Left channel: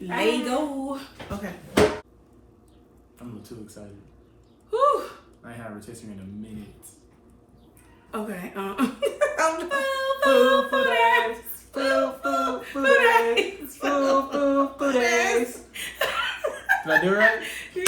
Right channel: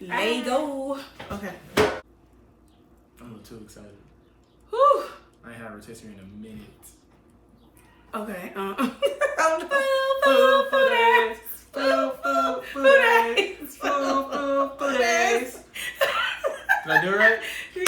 Lego. Okay. I'm a little too excited. Whew. I ain't had a rotisserie in a minute. Okay. Did I do it right? You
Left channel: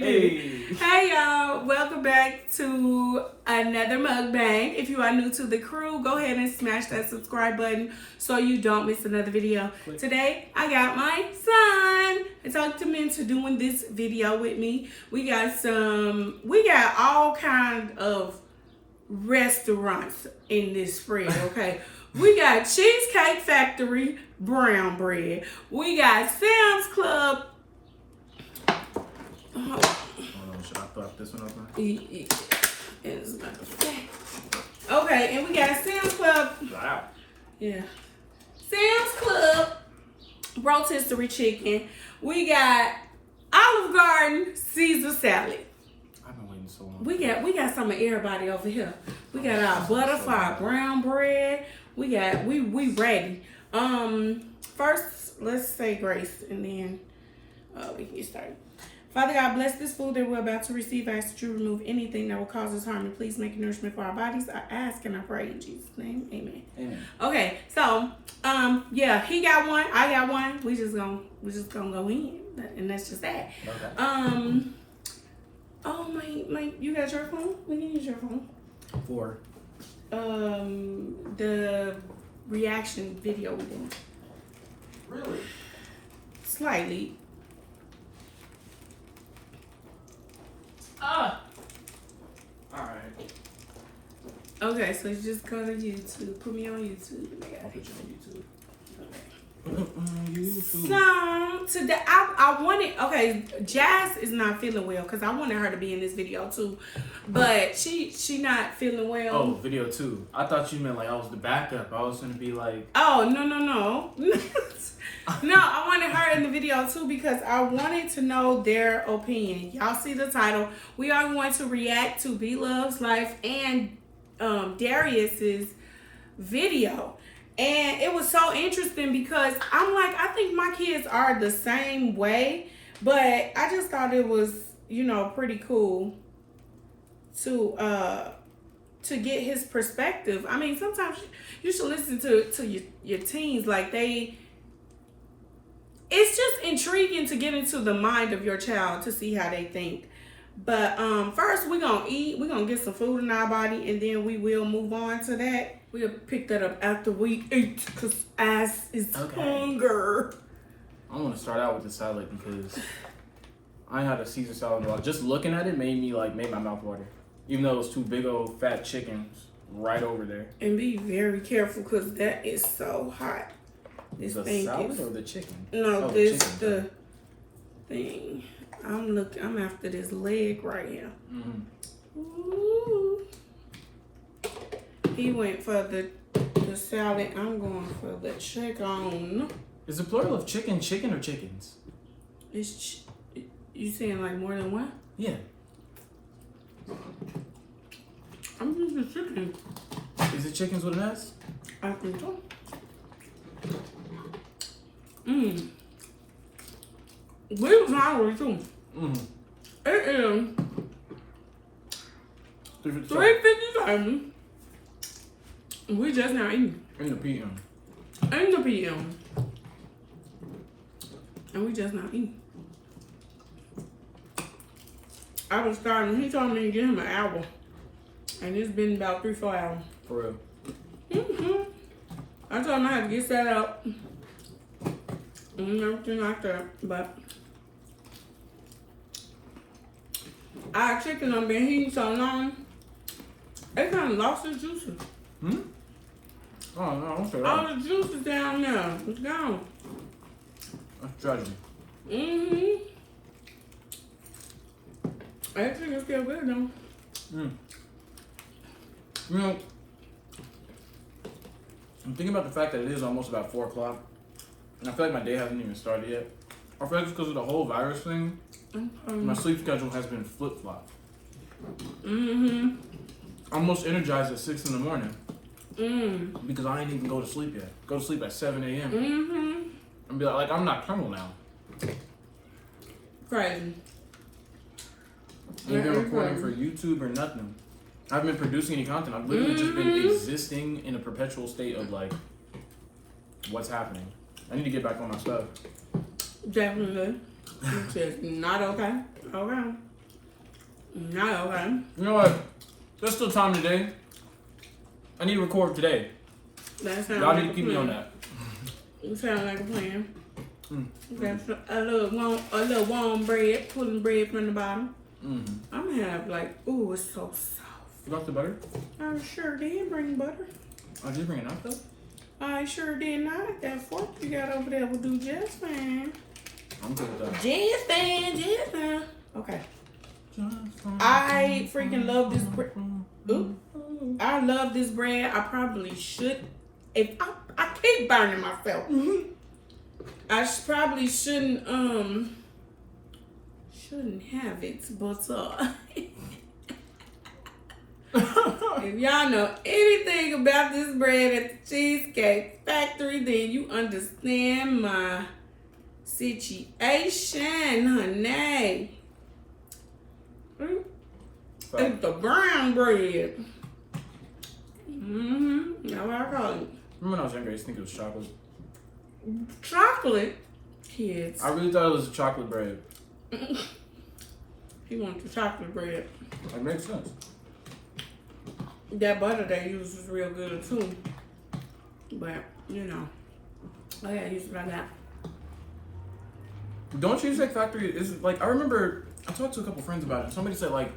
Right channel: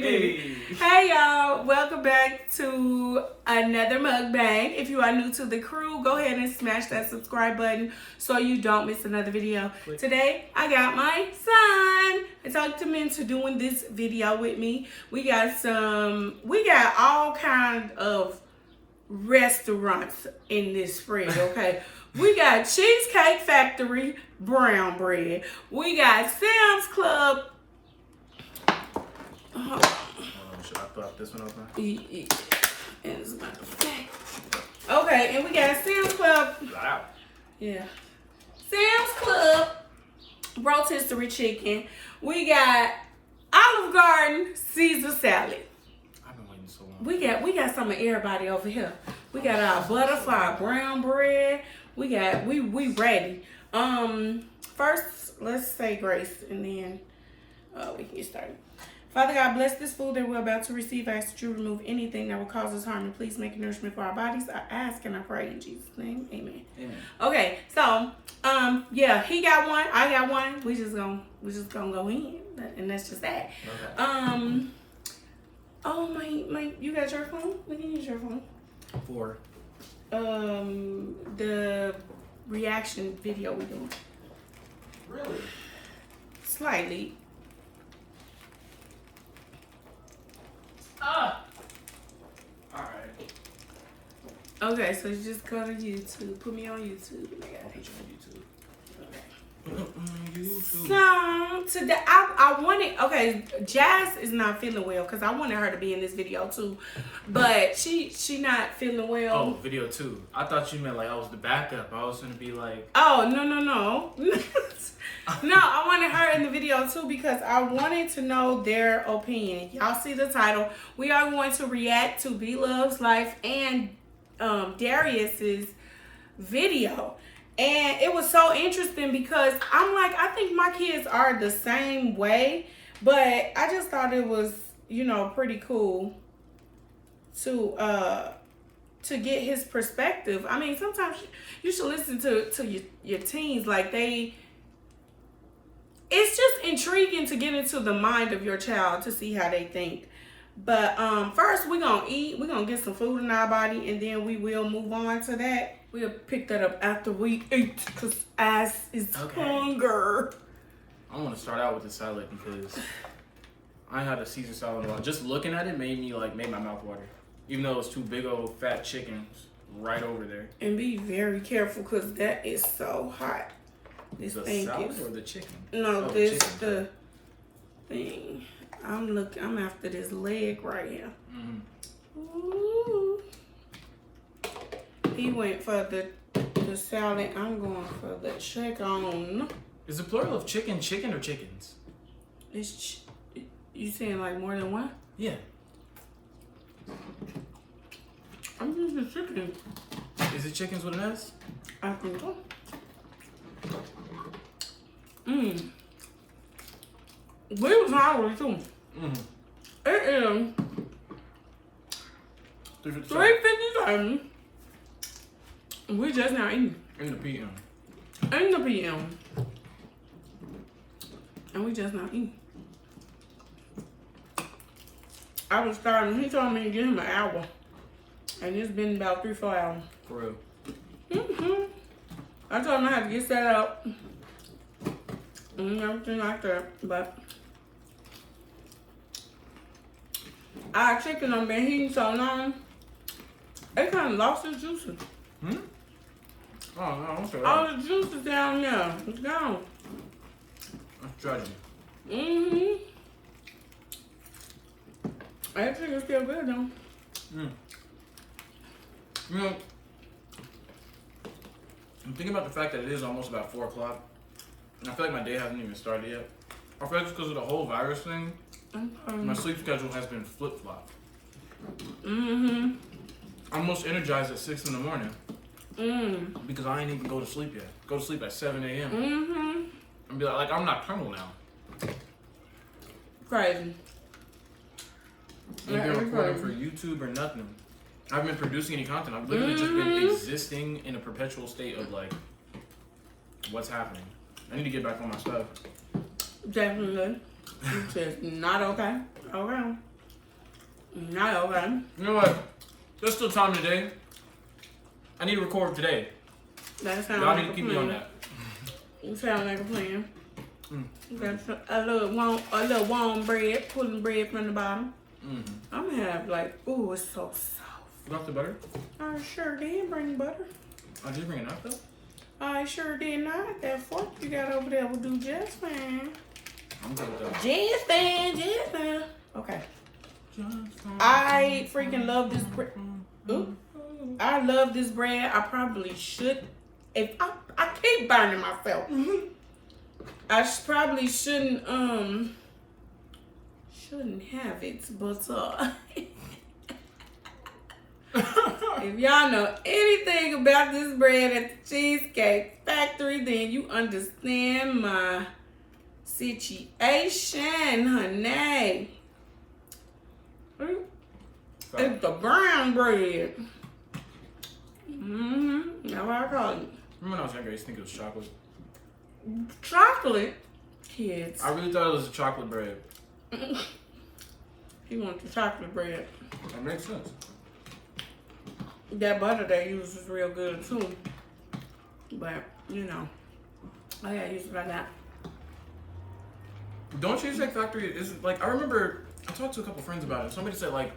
did. Hey y'all, welcome back to another mukbang. If you are new to the crew, go ahead and smash that subscribe button so you don't miss another video. Click. Today, I got my son. I talked him into doing this video with me. We got all kinds of restaurants in this spread, okay? We got Cheesecake Factory brown bread. We got Sam's Club. Hold on, should I put this one open? Okay, and we got Sam's Club. Wow. Yeah. Sam's Club rotisserie chicken. We got Olive Garden Caesar salad. I've been waiting so long. We got some of everybody over here. We got our butterfly brown bread. We ready. First, let's say grace, and then we can get started. Father God, bless this food that we're about to receive. I ask that you remove anything that will cause us harm, and please make it nourishment for our bodies. I ask and I pray in Jesus' name. Amen. Amen. Okay, so yeah, he got one, I got one. We just gonna go in, and that's just that. Okay. Oh my, you got your phone? We can use your phone. For the reaction video we doing. really? Slightly. Alright. Okay, so you just go to YouTube. Put me on YouTube. I'll put you on YouTube. So today I wanted, okay, Jazz is not feeling well because I wanted her to be in this video too, but she not feeling well. Oh, video 2. I thought you meant like I was the backup. I was gonna be like, oh no. No, I wanted her in the video too because I wanted to know their opinion. Y'all see the title. We are going to react to Beloveslife and Darius's video. And it was so interesting because I'm like, I think my kids are the same way, but I just thought it was, pretty cool to get his perspective. I mean, sometimes you should listen to your teens. Like it's just intriguing to get into the mind of your child to see how they think. But first we're gonna eat. We're gonna get some food in our body, and then we will move on to that. We'll pick that up after we eat, because ass is hunger. I want to start out with the salad because I ain't had a Caesar salad in a while. Just looking at it made my mouth water. Even though it was 2 big old fat chickens right over there. And be very careful because that is so hot. This the thing salad is, or the chicken? No, this the thing. I'm after this leg right here. Mm-hmm. Ooh. He went for the salad. I'm going for the chicken. Is the plural of chicken or chickens? It's you saying like more than one? Yeah. I'm using chicken. Is it chickens with an S? I think so. We was hungry too. It is 3:57. We just not eating. In the PM. In the PM. And we just not eating. I was starving. He told me to give him an hour. And it's been about 3-4 hours. For real. I told him I had to get set up. And everything like that. But our chicken done been heating so long, it kind of lost its juices. Oh, no, okay. All the juices down there, it's gone. That's tragic. I think it's still good though. I'm thinking about the fact that it is almost about 4 o'clock. And I feel like my day hasn't even started yet. I feel like it's because of the whole virus thing. My sleep schedule has been flip-flopped. I'm almost energized at 6 in the morning. Because I ain't even go to sleep yet. Go to sleep at 7 a.m. and be like I'm not Colonel now. Crazy. I ain't been recording for YouTube or nothing. I haven't been producing any content. I've literally just been existing in a perpetual state of like, what's happening? I need to get back on my stuff. Definitely. It's just not okay. Okay. Not okay. You know what? There's still time today. I need to record today. That sounds Y'all like need to keep me on that. It sounds like a plan. That's a little warm bread, pulling bread from the bottom. I'm gonna have like, ooh, it's so soft. You got the butter? I sure did bring butter. Oh, did you bring it out though? I sure did not. That fork you got over there will do just fine. I'm good with that. Just fine. Okay. I freaking love this bread. Ooh. I love this bread. I probably should. If I keep burning myself. I probably shouldn't have it, but if y'all know anything about this bread at the Cheesecake Factory, then you understand my situation, honey. It's the brown bread. That's what I call it. Remember when I was younger, I used to think it was chocolate. Chocolate? Kids. I really thought it was a chocolate bread. He wants the chocolate bread. That makes sense. That butter they use is real good too. But, you know, I gotta use it like that. Don't Cheesecake Factory is like, I remember I talked to a couple friends about it. Somebody said like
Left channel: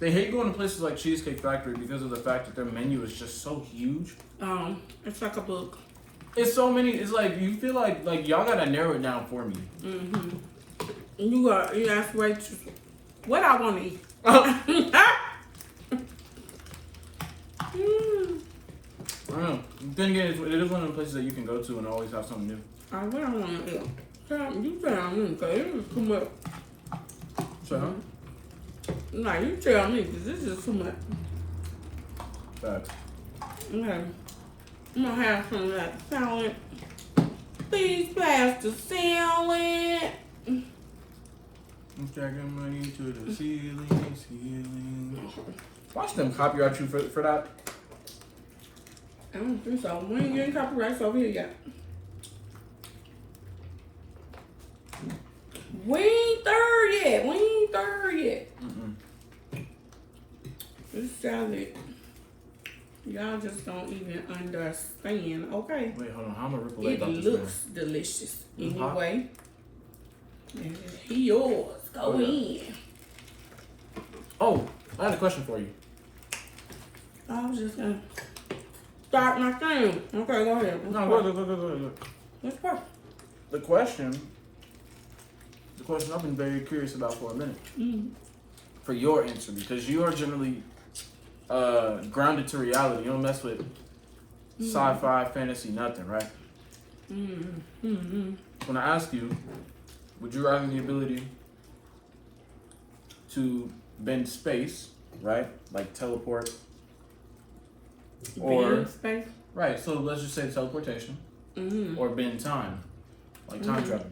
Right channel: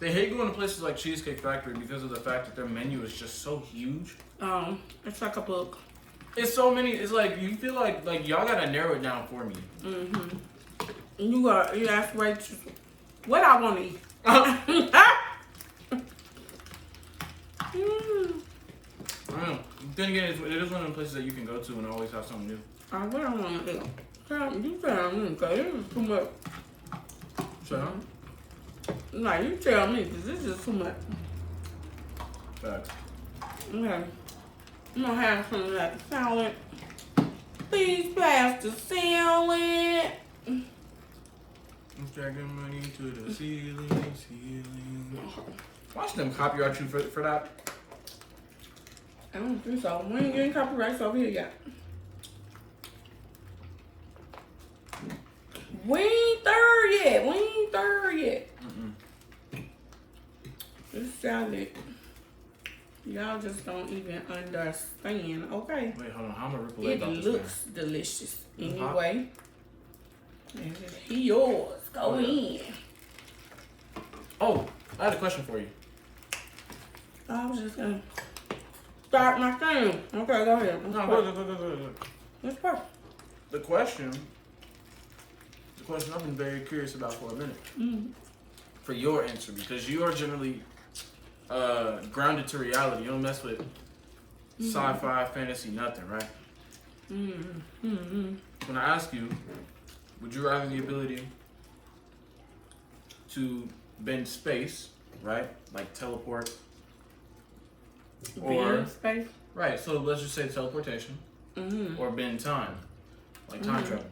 they hate going to places like Cheesecake Factory because of the fact that their menu is just so huge. It's like a book. It's so many. It's like you feel like y'all gotta narrow it down for me. You ask waitress what I want to eat. I don't know. Then again, it is one of the places that you can go to and always have something new. What I want to eat. You tell me, because this is too much. So, No, you tell me, because this is too much. facts. Okay. I'm going to have some of that salad. Please pass the salad. I'm stacking money to the ceiling. Watch them copyright you for that. I don't think so. We ain't getting copyrights over here yet. We ain't third yet. This salad, y'all just don't even understand. Okay. Wait, hold on. How am I ripple It about this? looks delicious. Mm-hmm. Hot? Anyway, he yours. Go in. Oh, I had a question for you. I was just gonna start my thing. Okay, go ahead. No, go. Let's go. The question I've been very curious about for a minute. For your answer, because you are generally grounded to reality. You don't mess with sci-fi, fantasy, nothing, right? When I ask you, would you rather the ability to bend space, right? Like teleport. Or space? Right, so let's just say teleportation. Or bend time. Like time travel.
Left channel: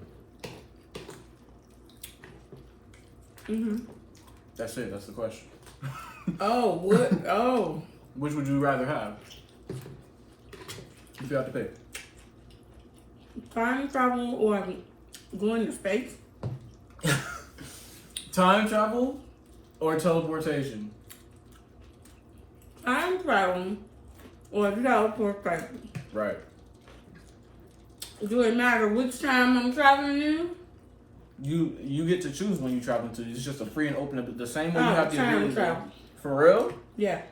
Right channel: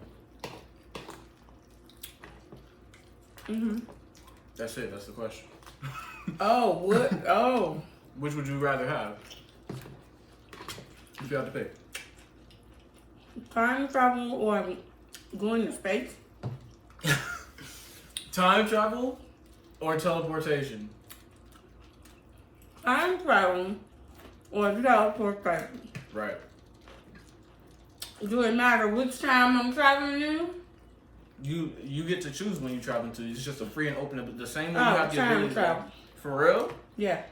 That's it, that's the question. Oh, what? Oh. Which would you rather have? If you had to pick. Time travel or going to space? Time travel or teleportation? Time travel or teleportation? Right. Do it matter which time I'm traveling in? You get to choose when you travel to. It's just a free and open. The same way you have the time ability. travel. For real? Yeah.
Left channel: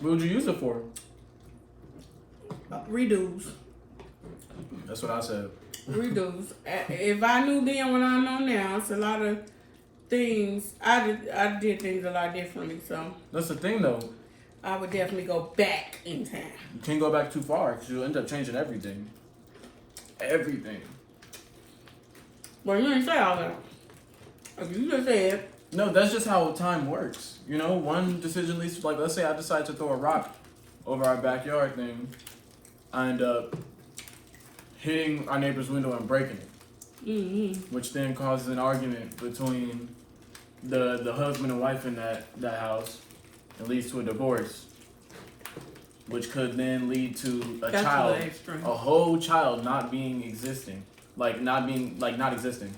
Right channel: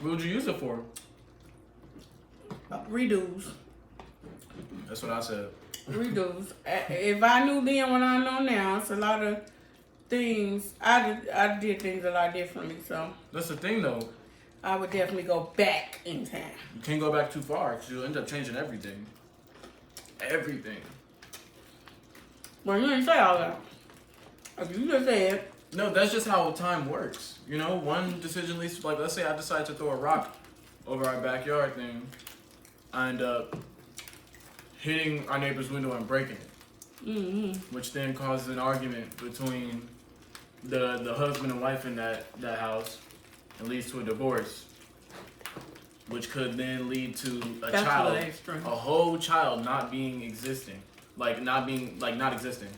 What would you use it for? Redos. That's what I said. Redos. If I knew then what I know now, it's a lot of things. I did things a lot differently, so. That's the thing, though. I would definitely go back in time. You can't go back too far because you'll end up changing everything. Everything. Well, you didn't say all that. If you just said. No, that's just how time works. You know, one decision leads to, like, let's say I decide to throw a rock over our backyard thing. I end up hitting our neighbor's window and breaking it. Mm-hmm. Which then causes an argument between the husband and wife in that house and leads to a divorce, which could then lead to a child, a whole child not existing, not existing,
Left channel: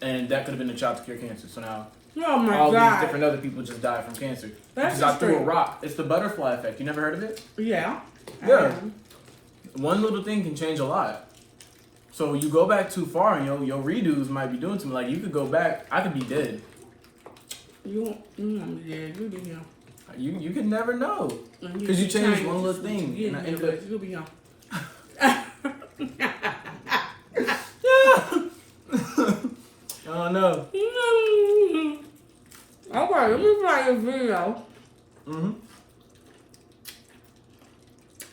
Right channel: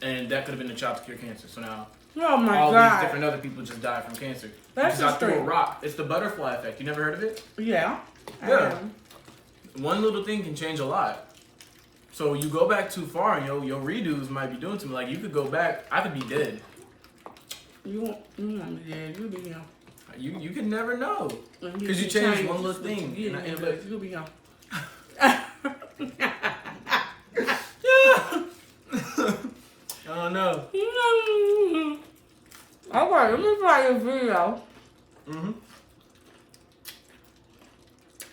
and that could have been the child to cure cancer. So now Oh my all God. these different other people just died from cancer That's because I threw a extreme. rock. It's the butterfly effect. You never heard of it? Yeah. Yeah. One little thing can change a lot. So you go back too far and your redos might be doing too much. Like you could go back, I could be dead. You won't be dead. You'll be here. You can never know. Because you change one little thing. You'll be here. Oh no. Okay, let me play this video. Mm-hmm.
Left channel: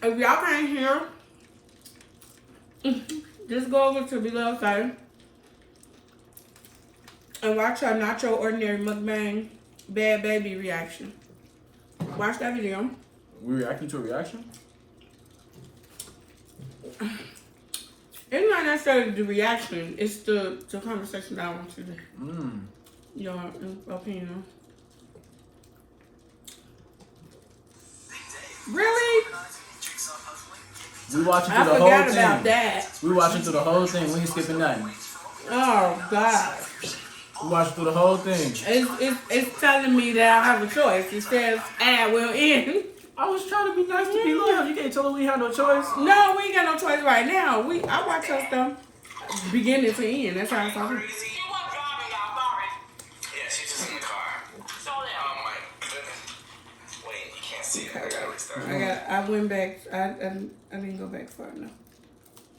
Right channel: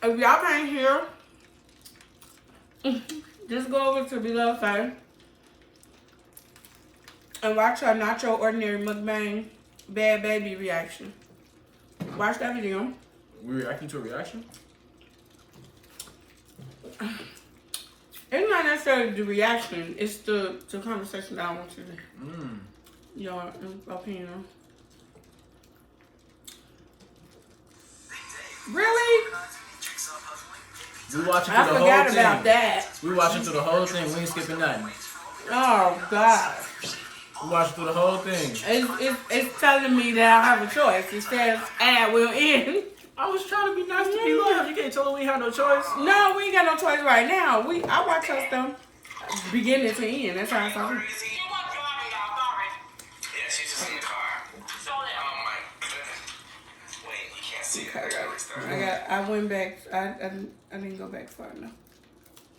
If y'all can't hear, just go over to Beloveslife and watch her Not Your Ordinary Mukbang Bhad Bhabie reaction. Watch that video. We reacting to a reaction? It's not necessarily the reaction, it's the conversation that I want you to your opinion on. Really? We watching I through the whole forgot thing. about that. We watching through the whole thing. We ain't skipping nothing. Oh God. We watching through the whole thing. It's telling me that I have a choice. It says ad will end. I was trying to be nice to be loved. You can't tell her we have no choice. No, we ain't got no choice right now. I watch her stuff beginning to end. That's how I saw it. I went back. I didn't go back far enough.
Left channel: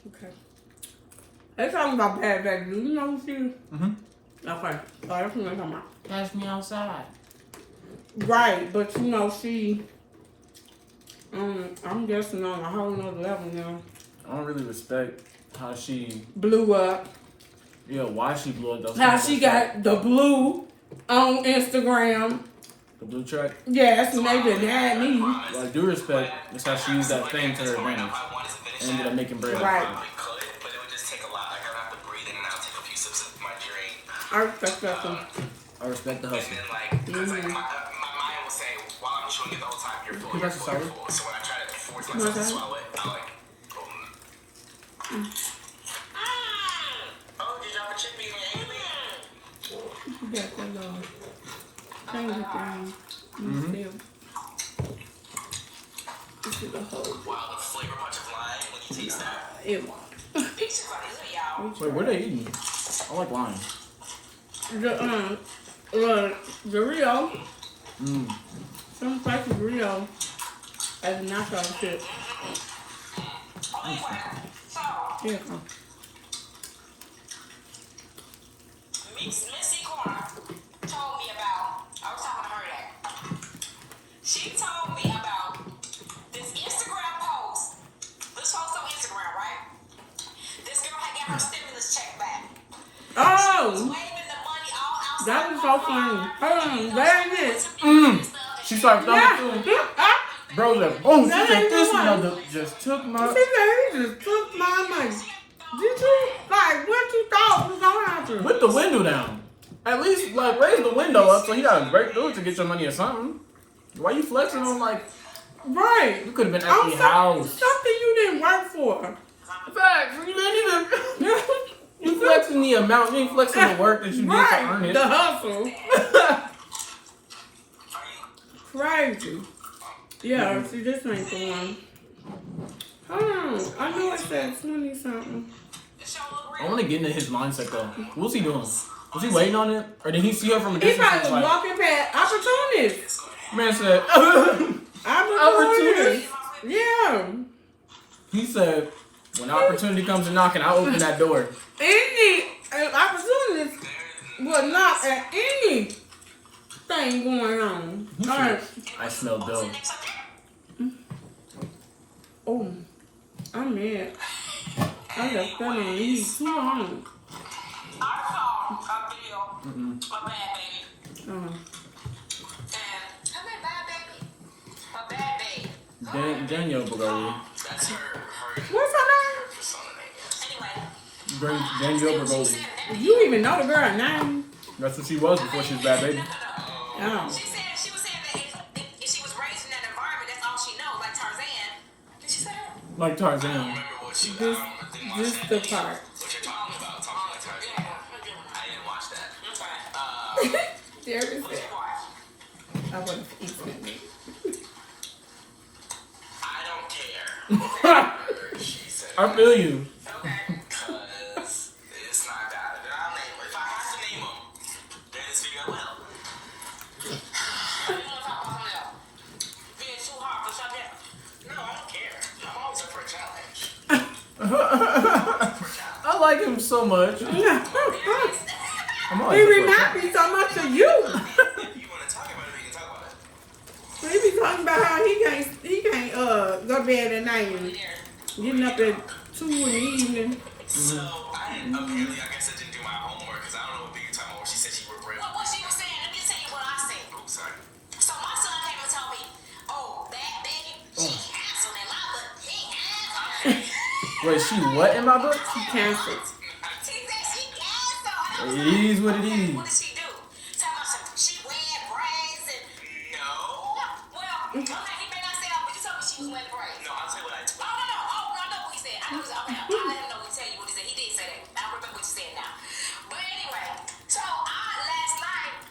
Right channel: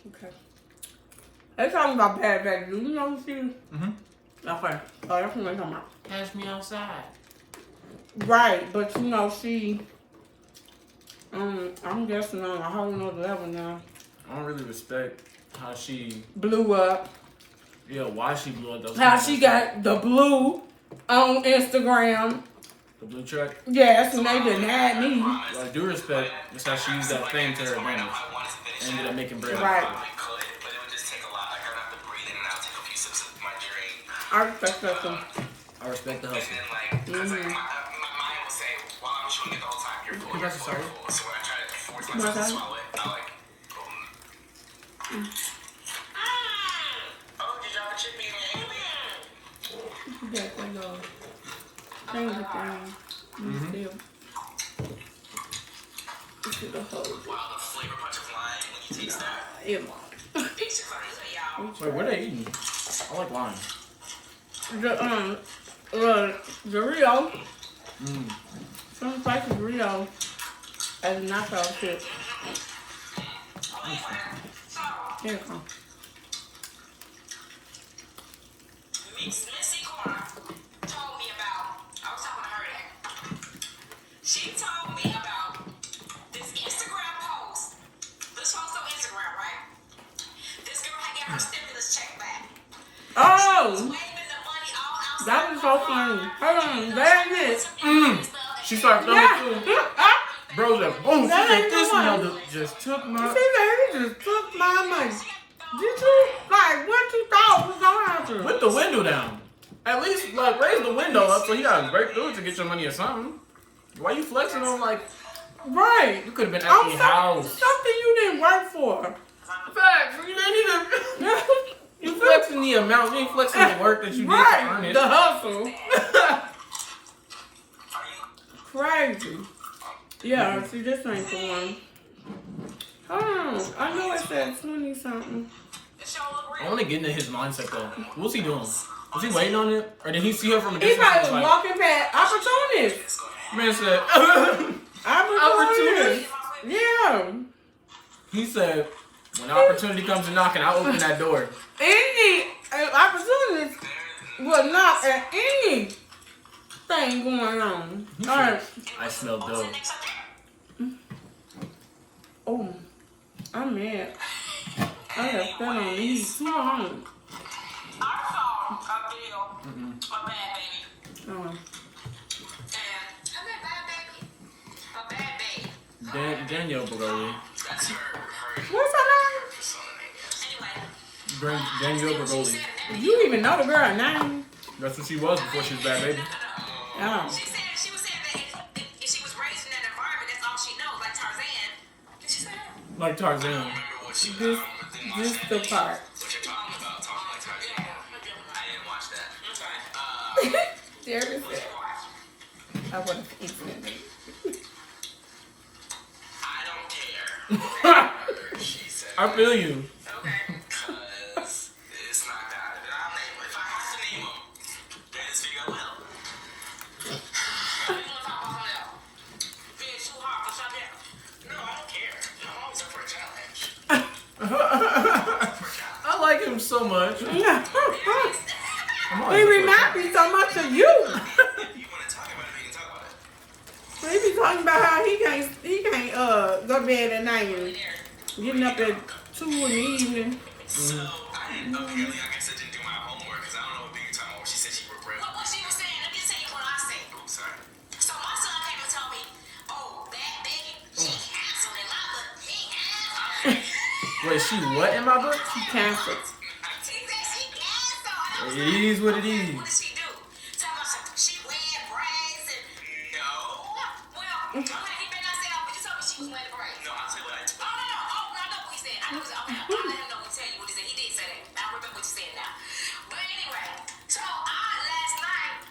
Okay. Let's talk about Bhad Bhabie. Do you know who she is? Mm-hmm. Okay. Oh, that's what I'm talking about. That's me outside. Right, but you know she. I'm guessing on a whole nother level now. I don't really respect how she Blew up. Yeah, why she blew up though. How she got the blue on Instagram. The blue track. Yes, and they been mad at me. Well, I do respect that's how she used that fame to her advantage. And ended up making bread. Right. I respect that too. I respect the hustle. Mm-hmm. That's a solid. So when I try to force Okay. myself to swallow it, I like. Oh, did y'all have a chip in your That little finger thing. Mm-hmm. This is the whole. Wow, the flavor bunch of lime when you taste that. It won't. These are good, y'all. Wait, what are they eating? I like lime. The Rio. Mm. Some places Rio as a knockout shit. Here it comes. Missy Clark told me about. I was talking to her that. She told me about this Instagram post. This post on Instagram, right? This girl had got her stimulus check back. Oh! Waving the money all outside. That was so funny. Hold on, that ain't it. She started thumbing too. Bro, that boom. She That said ain't this the one. mother just took my. She said he just took my money. Did you, like, what you thought was gonna happen? With the window down. At least, like, raise the window up so he gotta break through it to get your money or something. Why you flexing on, like, Right. you could have been at On the house. something you didn't work for. Facts. You didn't even. You flexing the amount. You ain't flexing the work that you did to earn Right. it. The hustle. Crazy. Yeah, see, this ain't the one. Hold on. I knew it said 20 something. I want to get into his mindset though. What's he doing? Was he waiting on it, or did he see her from a He distance? probably was walking past opportunities. Man said. Opportunities. Yeah. He said, when opportunity comes to knocking, I'll open that door. Any opportunities will knock at anything going on. All right. I smell dope. Oh, I'm mad. I have been on these too long. I saw a video of Bhad Bhabie. Oh. And I met Bhad Bhabie. A Bhad Bhabie. Danielle Bhad Bhabie. That's her What's her name? persona name. Anyway, Danielle Bhad You even know the girl name? That's what she was before she was Bhad Bhabie. Oh. She was saying that if she was raised in that environment, that's all she knows, like Tarzan. Did she say that? Like Tarzan. This the part. What you're talking about, talking like Tarzan. I didn't watch that. Darius said, I want to eat it. I don't care. She said. I feel you. Okay. Because it's not that. Then I'll name it. If I have to name them, then it's figure well. You want to talk about something else? Being too hard for something else? No, I don't care. I'm always up for a challenge. I like him so much. He reminds me so much of you. You want to talk about it, we can talk about it. He be talking about how he can't go to bed at night and getting up at 2 in the evening. So, apparently, I guess I didn't do my homework because I don't know what you're talking about. She said she worked real. What she was saying, let me tell you what I said. Oh, sorry. So, my son came and told me, oh, Bhad Bhabie, she canceled in my book. He canceled. Wait, she what in my book? She canceled. She said she canceled. It is what it is. What did she do? Tell me she wear braids and... No. Well, okay, he may not say that, but you told me she was wearing braids. No, I'll tell you what I... Oh, no. Oh, I know what he said. I know what he said. Okay, I'll let him know when he tell you what he said. He did say that. I remember what you said now. But anyway, so last night,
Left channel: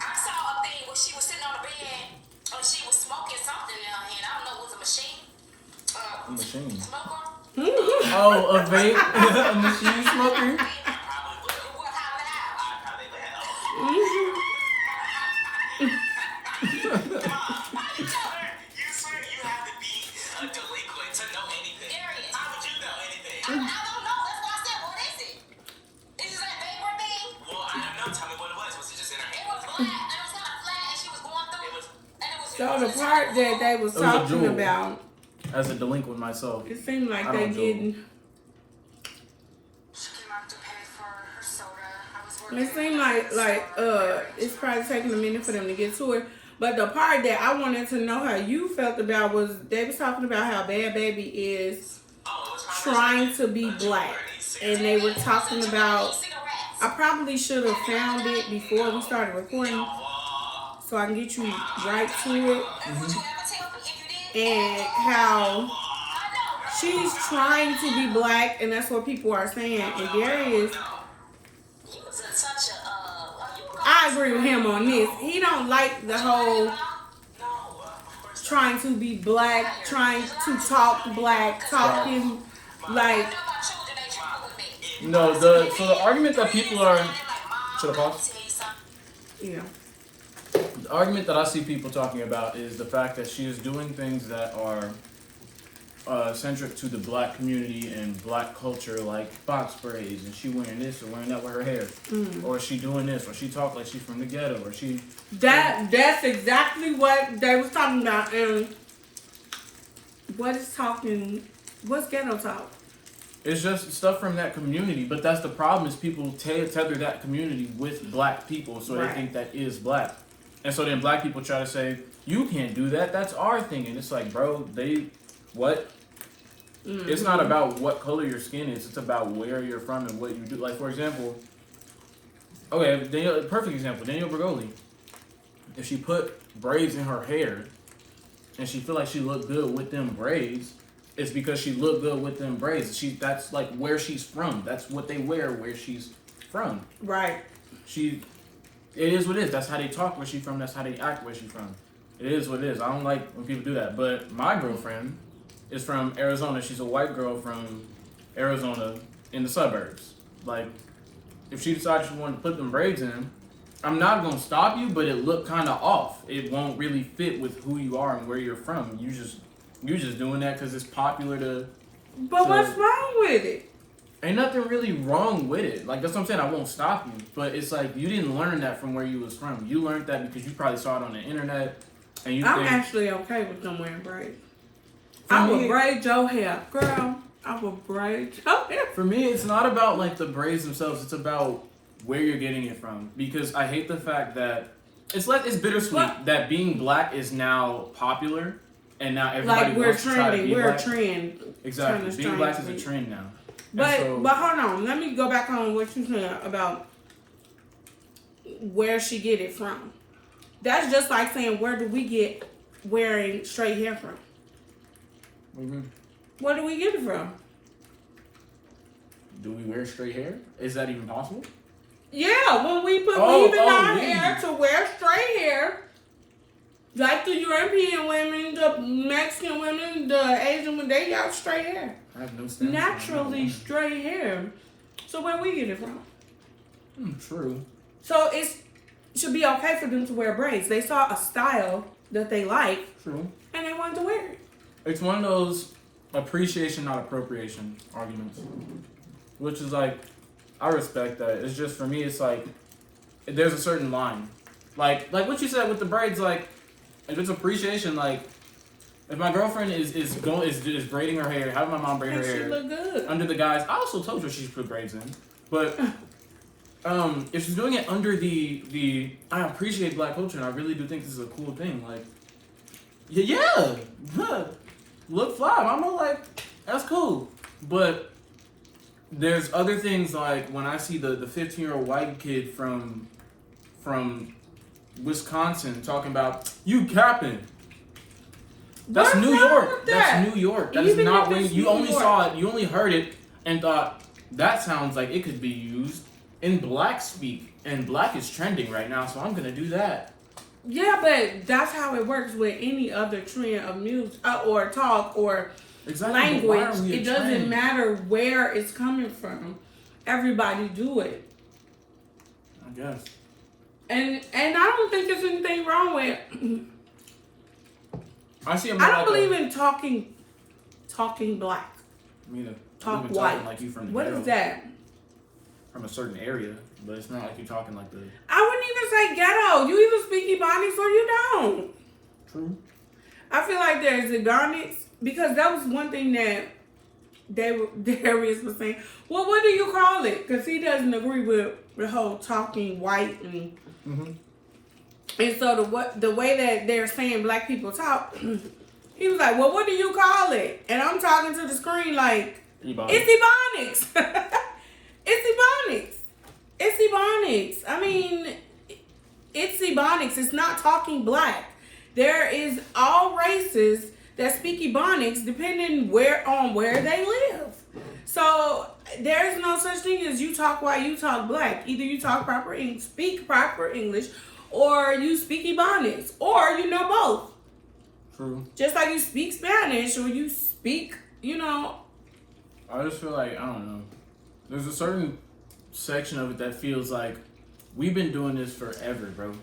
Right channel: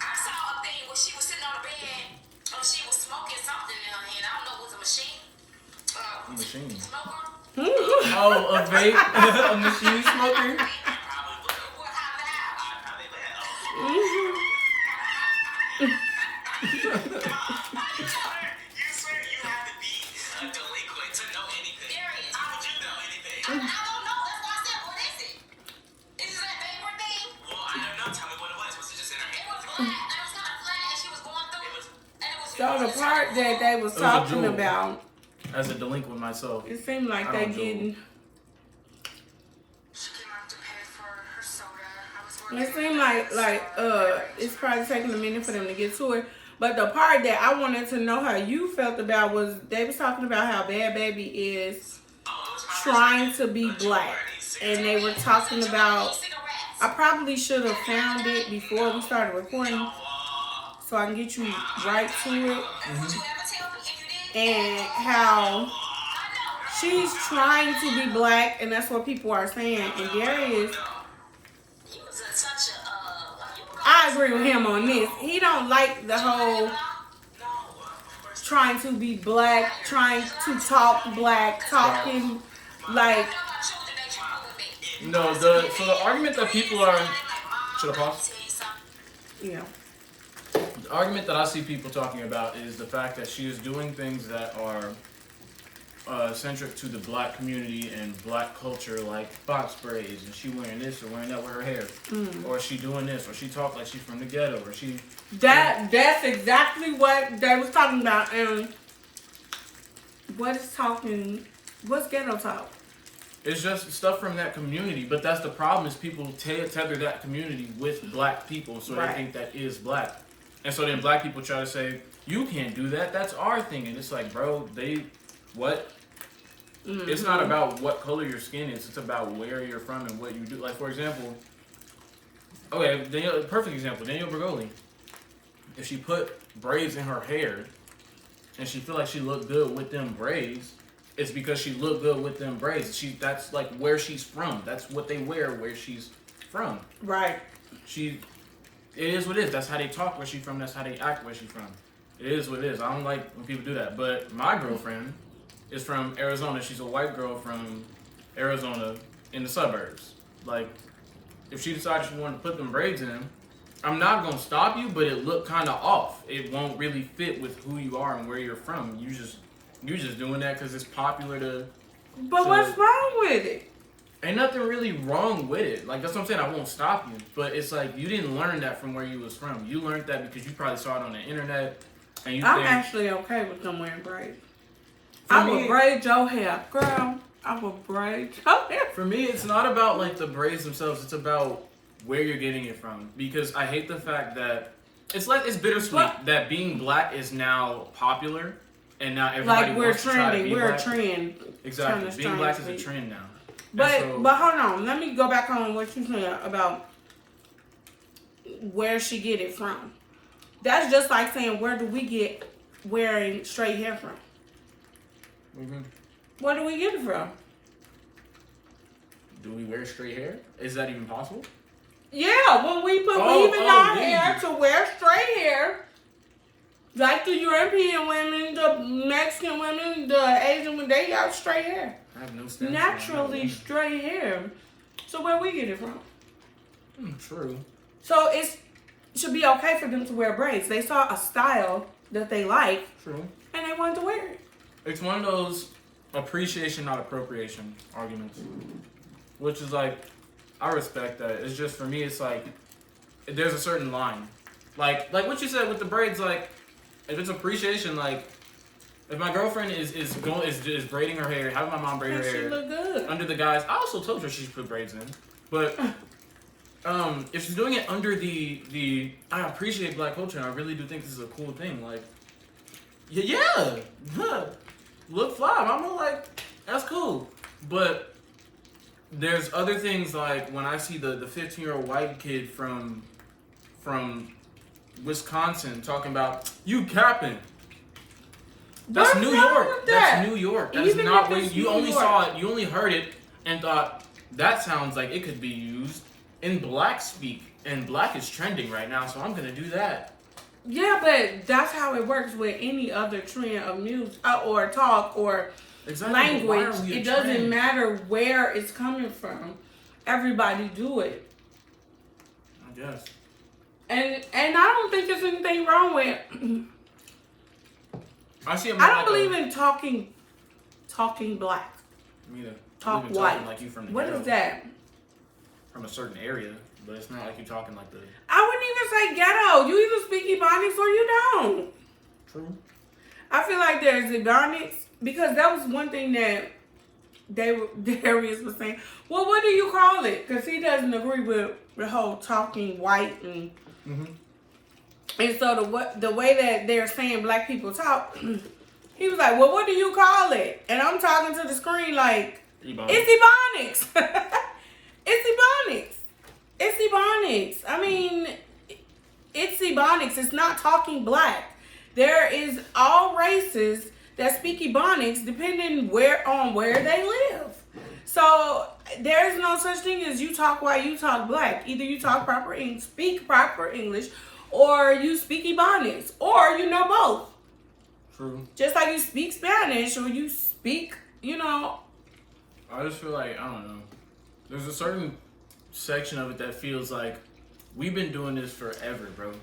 I saw a thing where she was sitting on the bed and she was smoking something in her hand. I don't know, it was a machine. A machine. Smoker? Oh, a vape? A machine smoker? You swear you have to be a delinquent to know anything. Darius, how would you know anything? I don't know. That's why I said, what is it? Is it that vapor thing? Well, I don't know. Tell me what it was. Was it just in her hand? It was black. And it was kind of flat, and she was going through it. So the part that they was It was a talking jewel. about, As a delinquent myself. it seemed like I they don't do didn't. She came out to pay for her soda. I was working. It seemed like it's probably taking a minute for them to get to it. But the part that I wanted to know how you felt about was they was talking about how Bhad Bhabie is trying to be black, and they were talking about. I probably should have found it before we started recording, so I can get you right to it. And how she's trying to be black, and that's what people are saying. And Darius, I agree with him on this. He don't like the whole trying to be black, trying to talk black, talking like. No, the argument that people are... Should I pause? Yeah. The argument that I see people talking about is the fact that she is doing things that are centric to the black community and black culture, like box braids, and she wearing this or wearing that with her hair, or she doing this, or she talk like she's from the ghetto, or she. That's exactly what they was talking about. And what's ghetto talk? It's just stuff from that community, but that's the problem is people tether that community with black people, so Right. they think that is black. And so then black people try to say, you can't do that, that's our thing. And it's like, bro, what? Mm-hmm. It's not about what color your skin is, it's about where you're from and what you do. Like, for example, perfect example, Danielle Bhad. If she put braids in her hair and she feel like she looked good with them braids, it's because she looked good with them braids. That's like where she's from. That's what they wear where she's from. Right. It is what it is. That's how they talk where she's from. That's how they act where she's from. It is what it is. I don't like when people do that. But my girlfriend is from Arizona. She's a white girl from Arizona in the suburbs. Like, if she decides she wanted to put them braids in, I'm not going to stop you, but it looked kind of off. It won't really fit with who you are and where you're from. You're just doing that because it's popular to... But what's wrong with it? Ain't nothing really wrong with it. Like, that's what I'm saying. I won't stop you. But it's like, you didn't learn that from where you was from. You learned that because you probably saw it on the internet. And I'm actually okay with them wearing braids. I would braid your hair. Girl, I would braid your hair. For me, it's not about, like, the braids themselves. It's about where you're getting it from. Because I hate the fact that... It's bittersweet that being black is now popular. And now everybody wants to try to be black. We're a trend. Exactly. Being black is a trend now. But so, but hold on, let me go back on what you said about where she get it from. That's just like saying, where do we get wearing straight hair from? Where do we get it from? do we wear straight hair? Is that even possible? Yeah, when we put weave in our hair to wear straight hair, like the European women, the Mexican women, the Asian women, they got straight hair. I have no sense. Naturally straight hair. So where we get it from? True. So it should be okay for them to wear braids. They saw a style that they like. True. And they wanted to wear it. It's one of those appreciation, not appropriation arguments. Which is like, I respect that. It's just, for me, it's like, there's a certain line. Like what you said with the braids, like, if it's appreciation, like, if my girlfriend is braiding her hair, having my mom braid her She hair look good. under the guise, I also told her she should put braids in. But if she's doing it under the I appreciate black culture and I really do think this is a cool thing, like, yeah, look fly. I'm like, that's cool. But there's other things, like when I see the 15-year-old white kid from Wisconsin talking about you capping. That's What's New wrong York. with that? That's New York. That Even is not if when it's you New only York. saw it. You only heard it and thought that sounds like it could be used in black speak, and black is trending right now, so I'm gonna do that. Yeah, but that's how it works with any other trend of music or talk or Exactly. but why are language. we a It doesn't trend? matter where it's coming from. Everybody do it. I guess. And I don't think there's anything wrong with I see. I don't believe in talking black. Me neither. Talk I believe in white. talking like you from the What ghetto, is that? from a certain area, but it's not like you're talking like the I wouldn't even say ghetto. You either speak Ebonics or you don't. true. I feel like there's Ebonics because that was one thing that Darius was saying. Well, what do you call it? Because he doesn't agree with the whole talking white and and so the way that they're saying black people talk, he was like, well, what do you call it? And I'm talking to the screen like, it's Ebonics. It's Ebonics. It's Ebonics. I mean, it's Ebonics. It's not talking black. There is all races that speak Ebonics depending on where they live. So there's no such thing as you talk white, you talk black. Either you talk proper English, speak proper English, or you speak Ebonics, or you know both. True. Just like you speak Spanish or you speak, I just feel like, I don't know. There's a certain section of it that feels like we've been doing this forever, bro.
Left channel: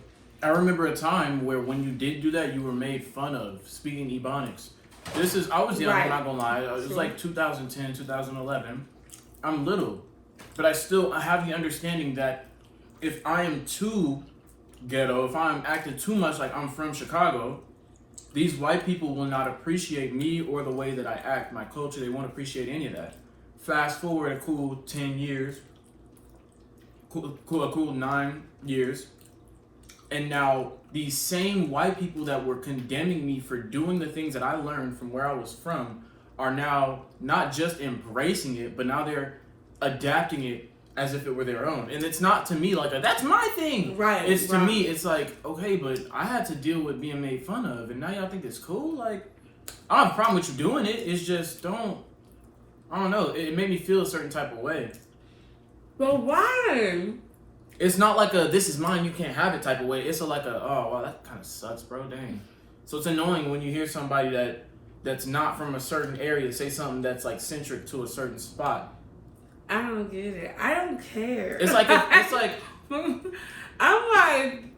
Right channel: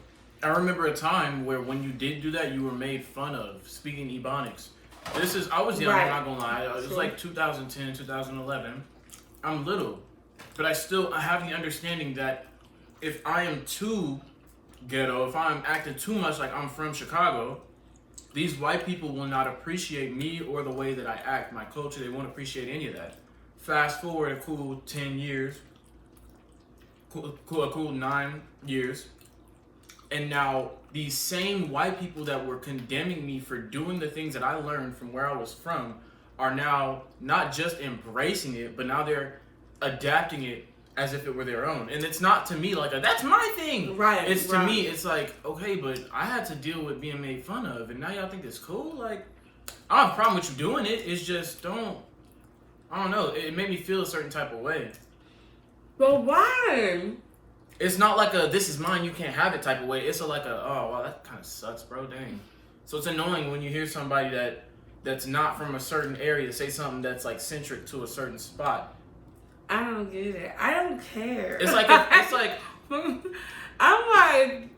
I remember a time where when you did do that, you were made fun of speaking Ebonics. I was young, Right. I'm not gonna lie. It was like 2010, 2011. I'm little, but I have the understanding that if I am too ghetto, if I'm acting too much like I'm from Chicago, these white people will not appreciate me or the way that I act, my culture. They won't appreciate any of that. Fast forward a cool 10 years, a cool 9 years, and now these same white people that were condemning me for doing the things that I learned from where I was from are now not just embracing it, but now they're adapting it as if it were their own. And it's not to me like, that's my thing. Right. It's to me, it's like, okay, but I had to deal with being made fun of, and now y'all think it's cool? Like, I don't have a problem with you doing it. It's just, I don't know. It made me feel a certain type of way. But why? It's not like a, this is mine, you can't have it type of way. It's oh, wow, that kind of sucks, bro. Dang. So it's annoying when you hear somebody that's not from a certain area say something that's like centric to a certain spot. I don't get it. I don't care. It's like, I'm like,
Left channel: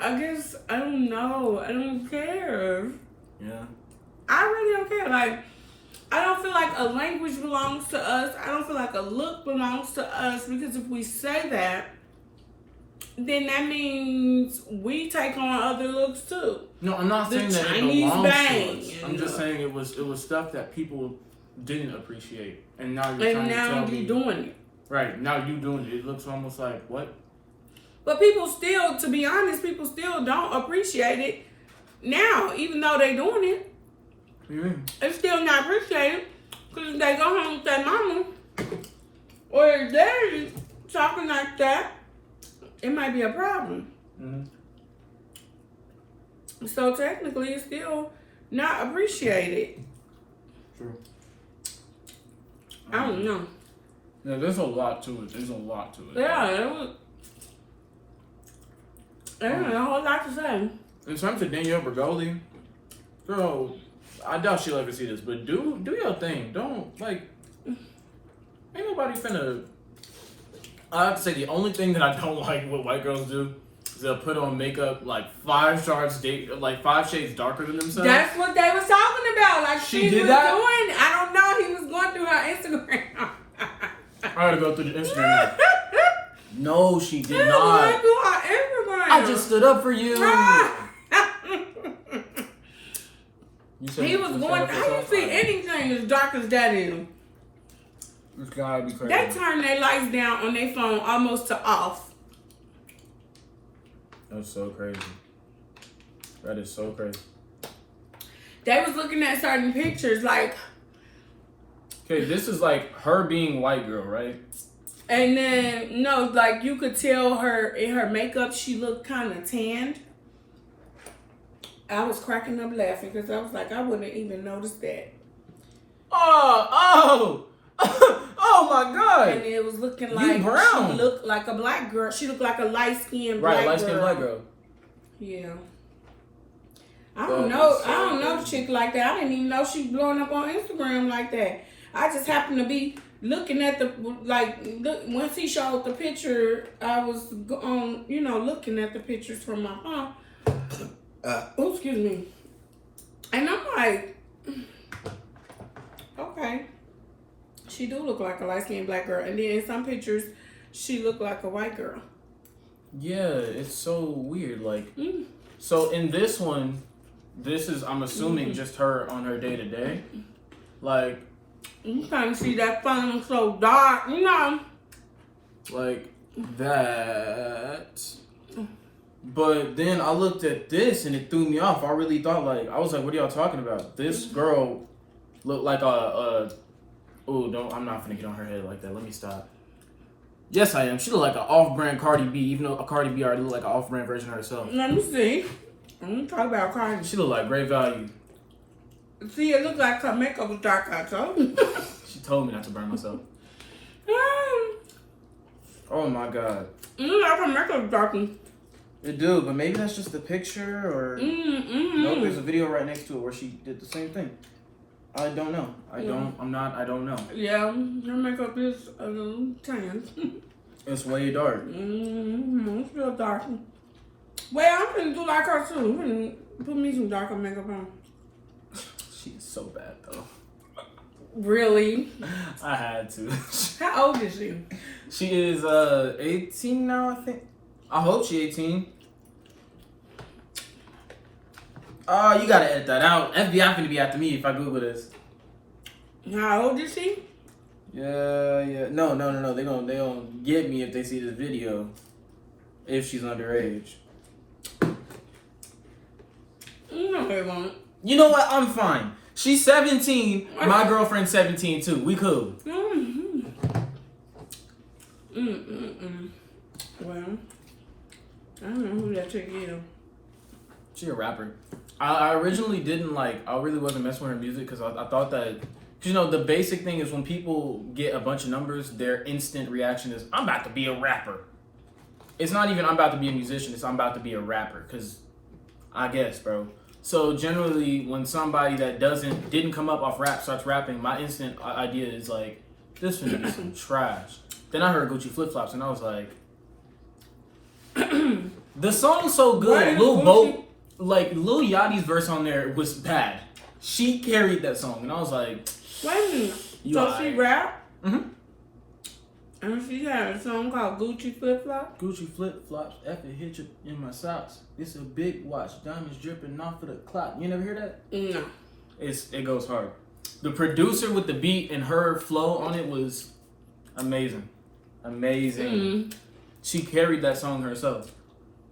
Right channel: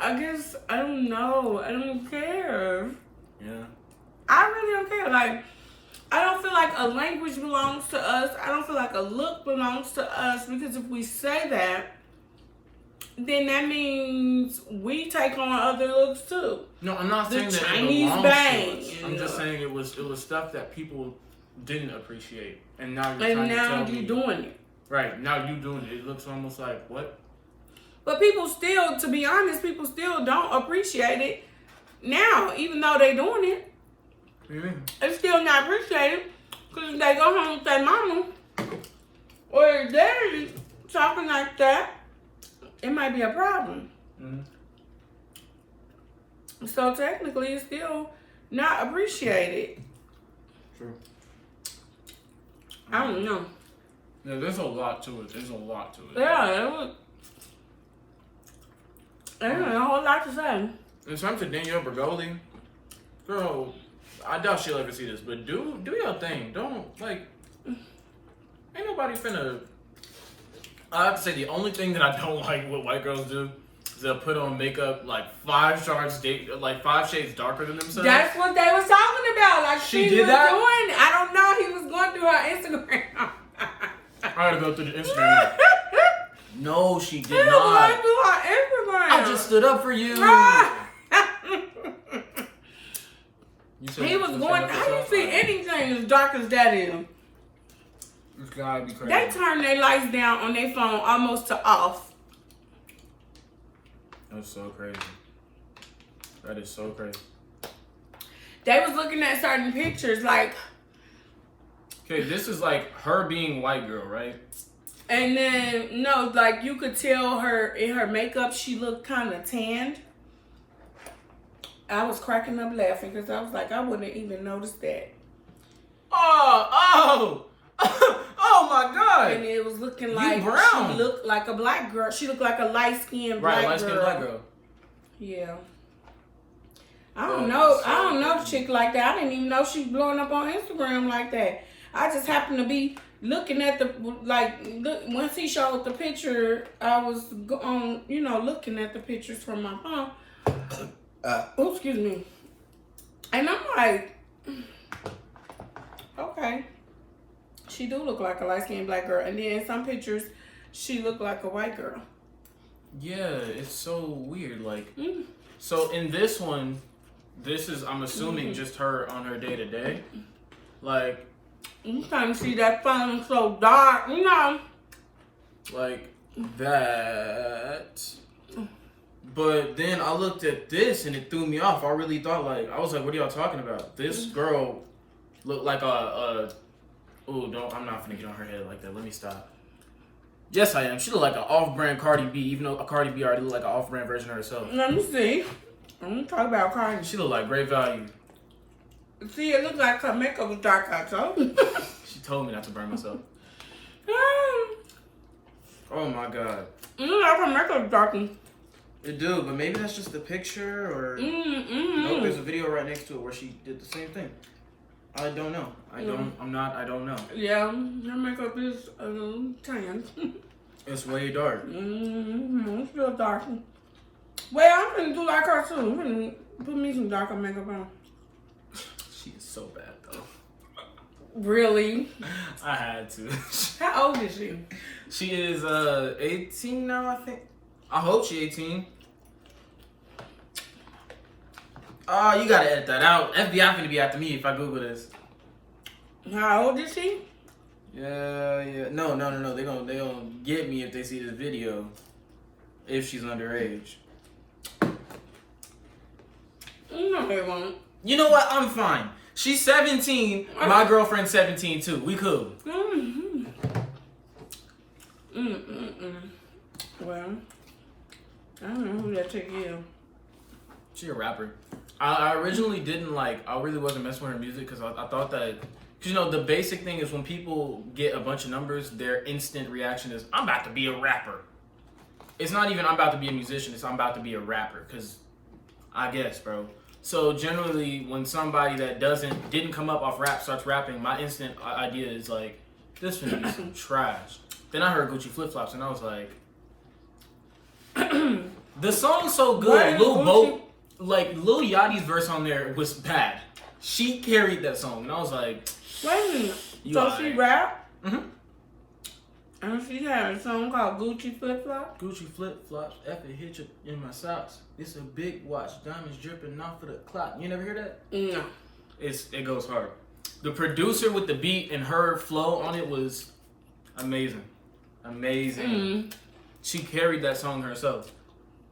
I guess, I don't know. I don't care. Yeah. I really don't care. Like, I don't feel like a language belongs to us. I don't feel like a look belongs to us, because if we say that, then that means we take on other looks too. No, I'm not saying that it Chinese belongs bang, to us. I'm just saying it was stuff that people didn't appreciate, and now you're And trying now to tell you me. doing it. Right, now you doing it. It looks almost like, what? But people still, to be honest, people still don't appreciate it now, even though they doing it. What do you mean? It's still not appreciated, because they go home with their mama or if they're talking like that, it might be a problem. Mm-hmm. So technically, it's still not appreciated. True. I don't know. Yeah, there's a lot to it. There's a lot to it. Yeah, there's a whole lot to say. In terms of Danielle Bregoli, girl, I doubt she'll ever see this, but do your thing. Don't, like, ain't nobody finna. I have to say, the only thing that I don't like what white girls do is they'll put on makeup like 5 shades darker than themselves. That's what they was talking about. Like She she did was that? doing. I don't know. He was going through her Instagram. I gotta go through the Instagram. No, she did He was not. going through her Instagram. I just stood up for you. You said He was you going. stand up for How you yourself? see anything as dark as that is? This gotta be crazy. They turn their lights down on their phone almost to off. That's so crazy. That is so crazy. They was looking at certain pictures, like, Okay, this is like her being white girl, right? and then no, like you could tell her in her makeup she looked kind of tanned. I was cracking up laughing because I was like, I wouldn't even noticed that. Oh my And God. it was looking like brown. she looked like a black girl. She looked like a light-skinned black Right, girl. light-skinned black girl. Yeah. I don't know the chick like that. I didn't even know she blowing up on Instagram like that. I just happened to be looking at once he showed the picture, I was on, looking at the pictures from my phone. Excuse me. And I'm like, okay. She do look like a light-skinned black girl. And then in some pictures, she looked like a white girl. Yeah, it's so weird. Like, Mm. so in this one, this is, I'm assuming, just her on her day to day. Like, You can't see that phone so dark, like that. But then I looked at this and it threw me off. I really thought, like, I was like, what are y'all talking about? This girl looked like I'm not finna get on her head like that. Let me stop. Yes, I am. She looked like an off-brand Cardi B, even though Cardi B already looked like an off-brand version of herself. Let me see. I'm gonna talk about Cardi. She looked like great value. See, it looked like her makeup was dark. I told you. She told me not to burn myself. Oh my God. Her makeup was dark. It do, but maybe that's just the picture or no, there's a video right next to it where she did the same thing. I don't know. I don't know. Yeah, her makeup is a little tan. It's way dark. It's still dark. Well, I'm gonna do like her too. I'm gonna put me some darker makeup on. She is so bad though. Really? I had to. How old is she? She is 18 now, I think. I hope she's 18. Oh, you gotta edit that out. FBI finna be after me if I Google this. How old is she? Yeah. No. They gonna get me if they see this video. If she's underage. No, they won't. You know what? I'm fine. She's 17. My girlfriend's 17 too. We cool. Well, I don't know who that chick is. She a rapper. I originally didn't like. I really wasn't messing with her music because I thought that. Cause the basic thing is when people get a bunch of numbers, their instant reaction is, "I'm about to be a rapper." It's not even I'm about to be a musician. It's I'm about to be a rapper. Cause I guess, bro. So generally, when somebody that didn't come up off rap starts rapping, my instant idea is like, this finna be some trash. Then I heard Gucci Flip Flops and I was like, the song's so good. Lil Yachty's verse on there was bad. She carried that song and I was like, Wait a minute. You So alright. she rap? mm-hmm. And she had a song called Gucci Flip Flop? Gucci Flip Flops, F it hit you in my socks. It's a big watch, diamonds dripping off of the clock. You never hear that? No. It goes hard. The producer with the beat and her flow on it was amazing. She carried that song herself.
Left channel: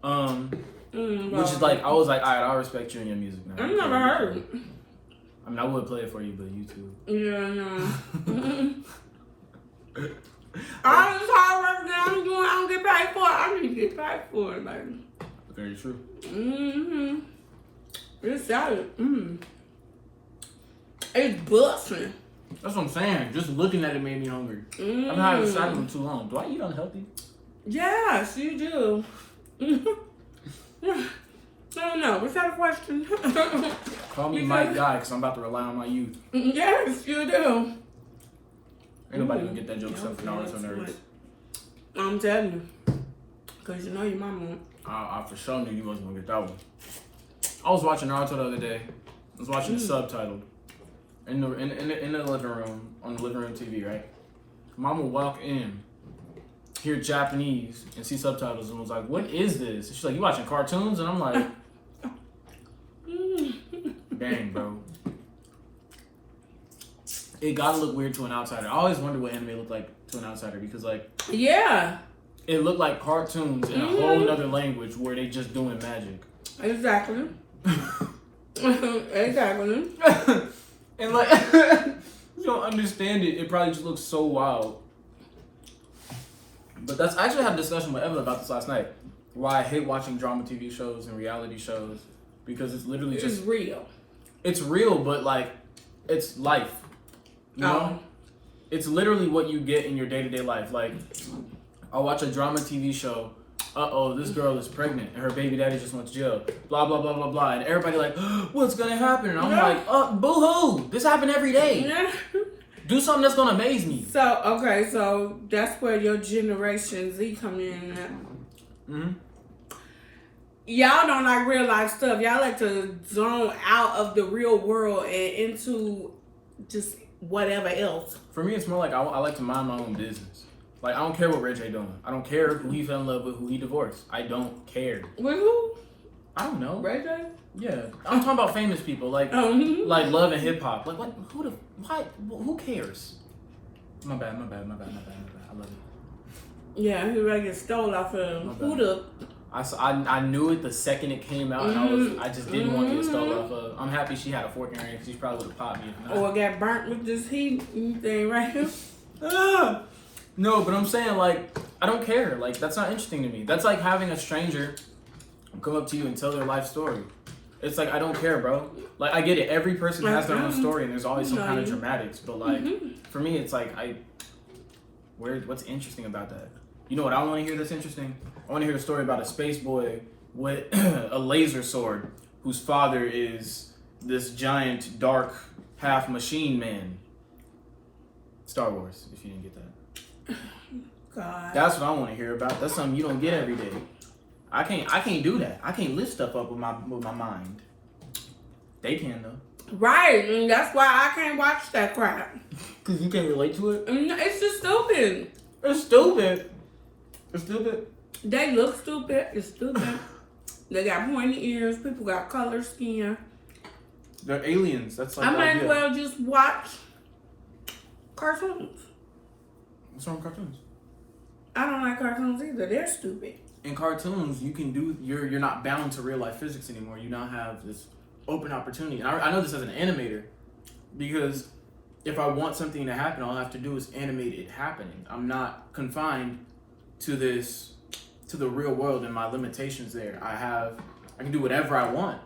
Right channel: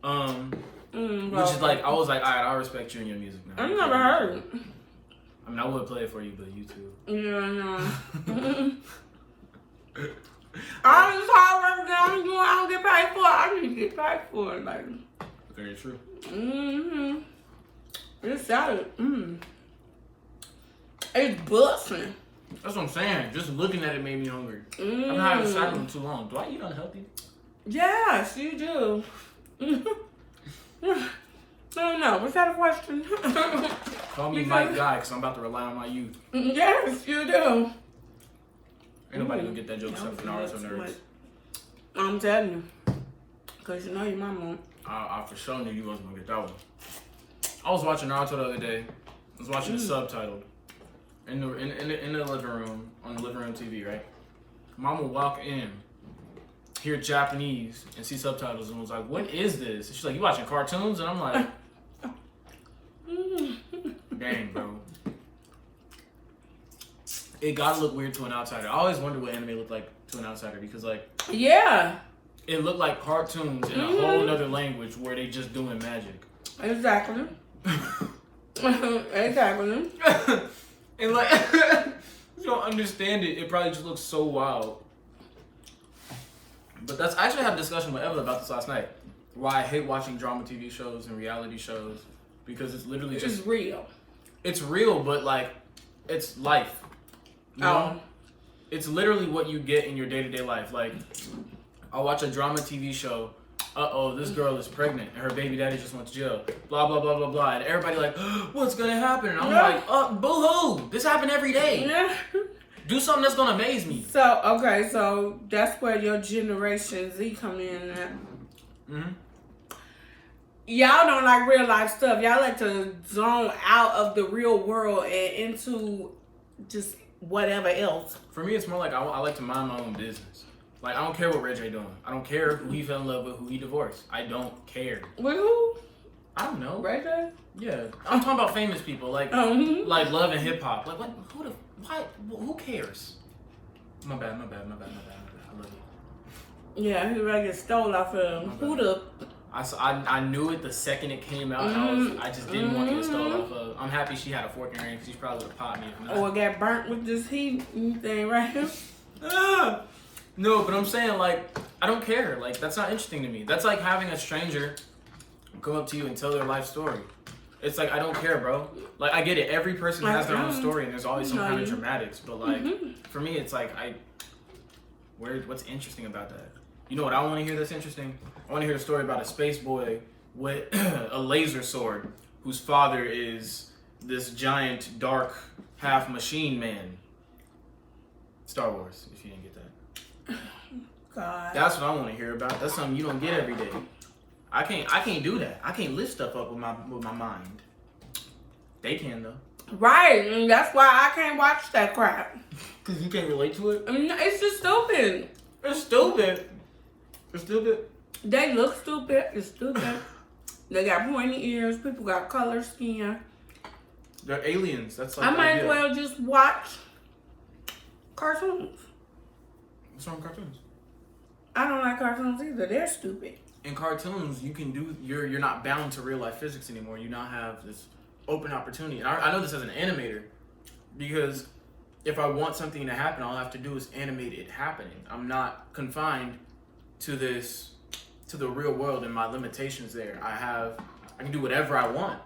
Which is like, I was like, alright, I respect you and your music now. I've never heard it. I mean, I would play it for you, but YouTube. Yeah, no. All this hard work that I'm doing, I don't get paid for it. I need to get paid for it, baby. Very true. Mm-hmm. This salad, it's busting. That's what I'm saying. Just looking at it made me hungry. I've been having salad for too long. Do I eat unhealthy? Yes, you do. I don't know. Was that a question? Call me Mike Guy because I'm about to rely on my youth. Yes, you do. Ain't nobody gonna get that joke except for Naruto nerds. I'm telling you. Because you know your mama. I for sure knew you wasn't gonna get that one. I was watching Naruto the other day. I was watching it subtitled in the living room, on the living room TV, right? Mom would walk in, hear Japanese, and see subtitles, and was like, "What is this?" And she's like, "You watching cartoons?" And I'm like, "Dang, bro." It gotta look weird to an outsider. I always wonder what anime looked like to an outsider because, like, yeah, it looked like cartoons in a whole other language where they just doing magic. Exactly. Exactly. And like, you don't understand it. It probably just looks so wild. But I actually had a discussion with Evelyn about this last night. Why I hate watching drama TV shows and reality shows because it's literally just It's real. It's real, but like, it's life. You know? It's literally what you get in your day-to-day life. Like, I'll watch a drama TV show. This girl is pregnant and her baby daddy just went to jail. Blah, blah, blah, blah, blah. And everybody like, what's gonna happen? And I'm like, boo-hoo. This happen every day. Yeah. Do something that's gonna amaze me. So that's where your Generation Z come in at. Mm-hmm. Y'all don't like real life stuff. Y'all like to zone out of the real world and into just whatever else. For me, it's more like I like to mind my own business. Like, I don't care what Ray J doing. I don't care who he fell in love with, who he divorced. I don't care. With who? I don't know. Ray J? Yeah. I'm talking about famous people. Like, like Love and Hip Hop. Like, what? Who cares? My bad. I love you. Yeah, he ready to stole off of him. Who the? I knew it the second it came out, and I just didn't want to get stole off of. I'm happy she had a fork in her hand because she probably would have popped me if not. Or got burnt with this heat thing right here. No, but I'm saying, like, I don't care. Like, that's not interesting to me. That's like having a stranger come up to you and tell their life story. It's like, I don't care, bro. Like, I get it. Every person has their own story, and there's always some kind of dramatics. But, like, for me, it's like, what's interesting about that? You know what I want to hear that's interesting? I want to hear a story about a space boy with a laser sword whose father is this giant, dark, half machine man. Star Wars, if you didn't get that. God. That's what I want to hear about. That's something you don't get every day. I can't do that. I can't lift stuff up with my mind. They can though. Right, and that's why I can't watch that crap. Cause you can't relate to it. It's just stupid. It's stupid. It's stupid. They look stupid. It's stupid. They got pointy ears. People got color skin. They're aliens. That's like I the might idea. as well just watch cartoons. What's wrong with cartoons? I don't like cartoons either. They're stupid. In cartoons, you can do. You're not bound to real life physics anymore. You now have this open opportunity. And I know this as an animator because if I want something to happen, all I have to do is animate it happening. I'm not confined to the real world and my limitations there. I can do whatever I want.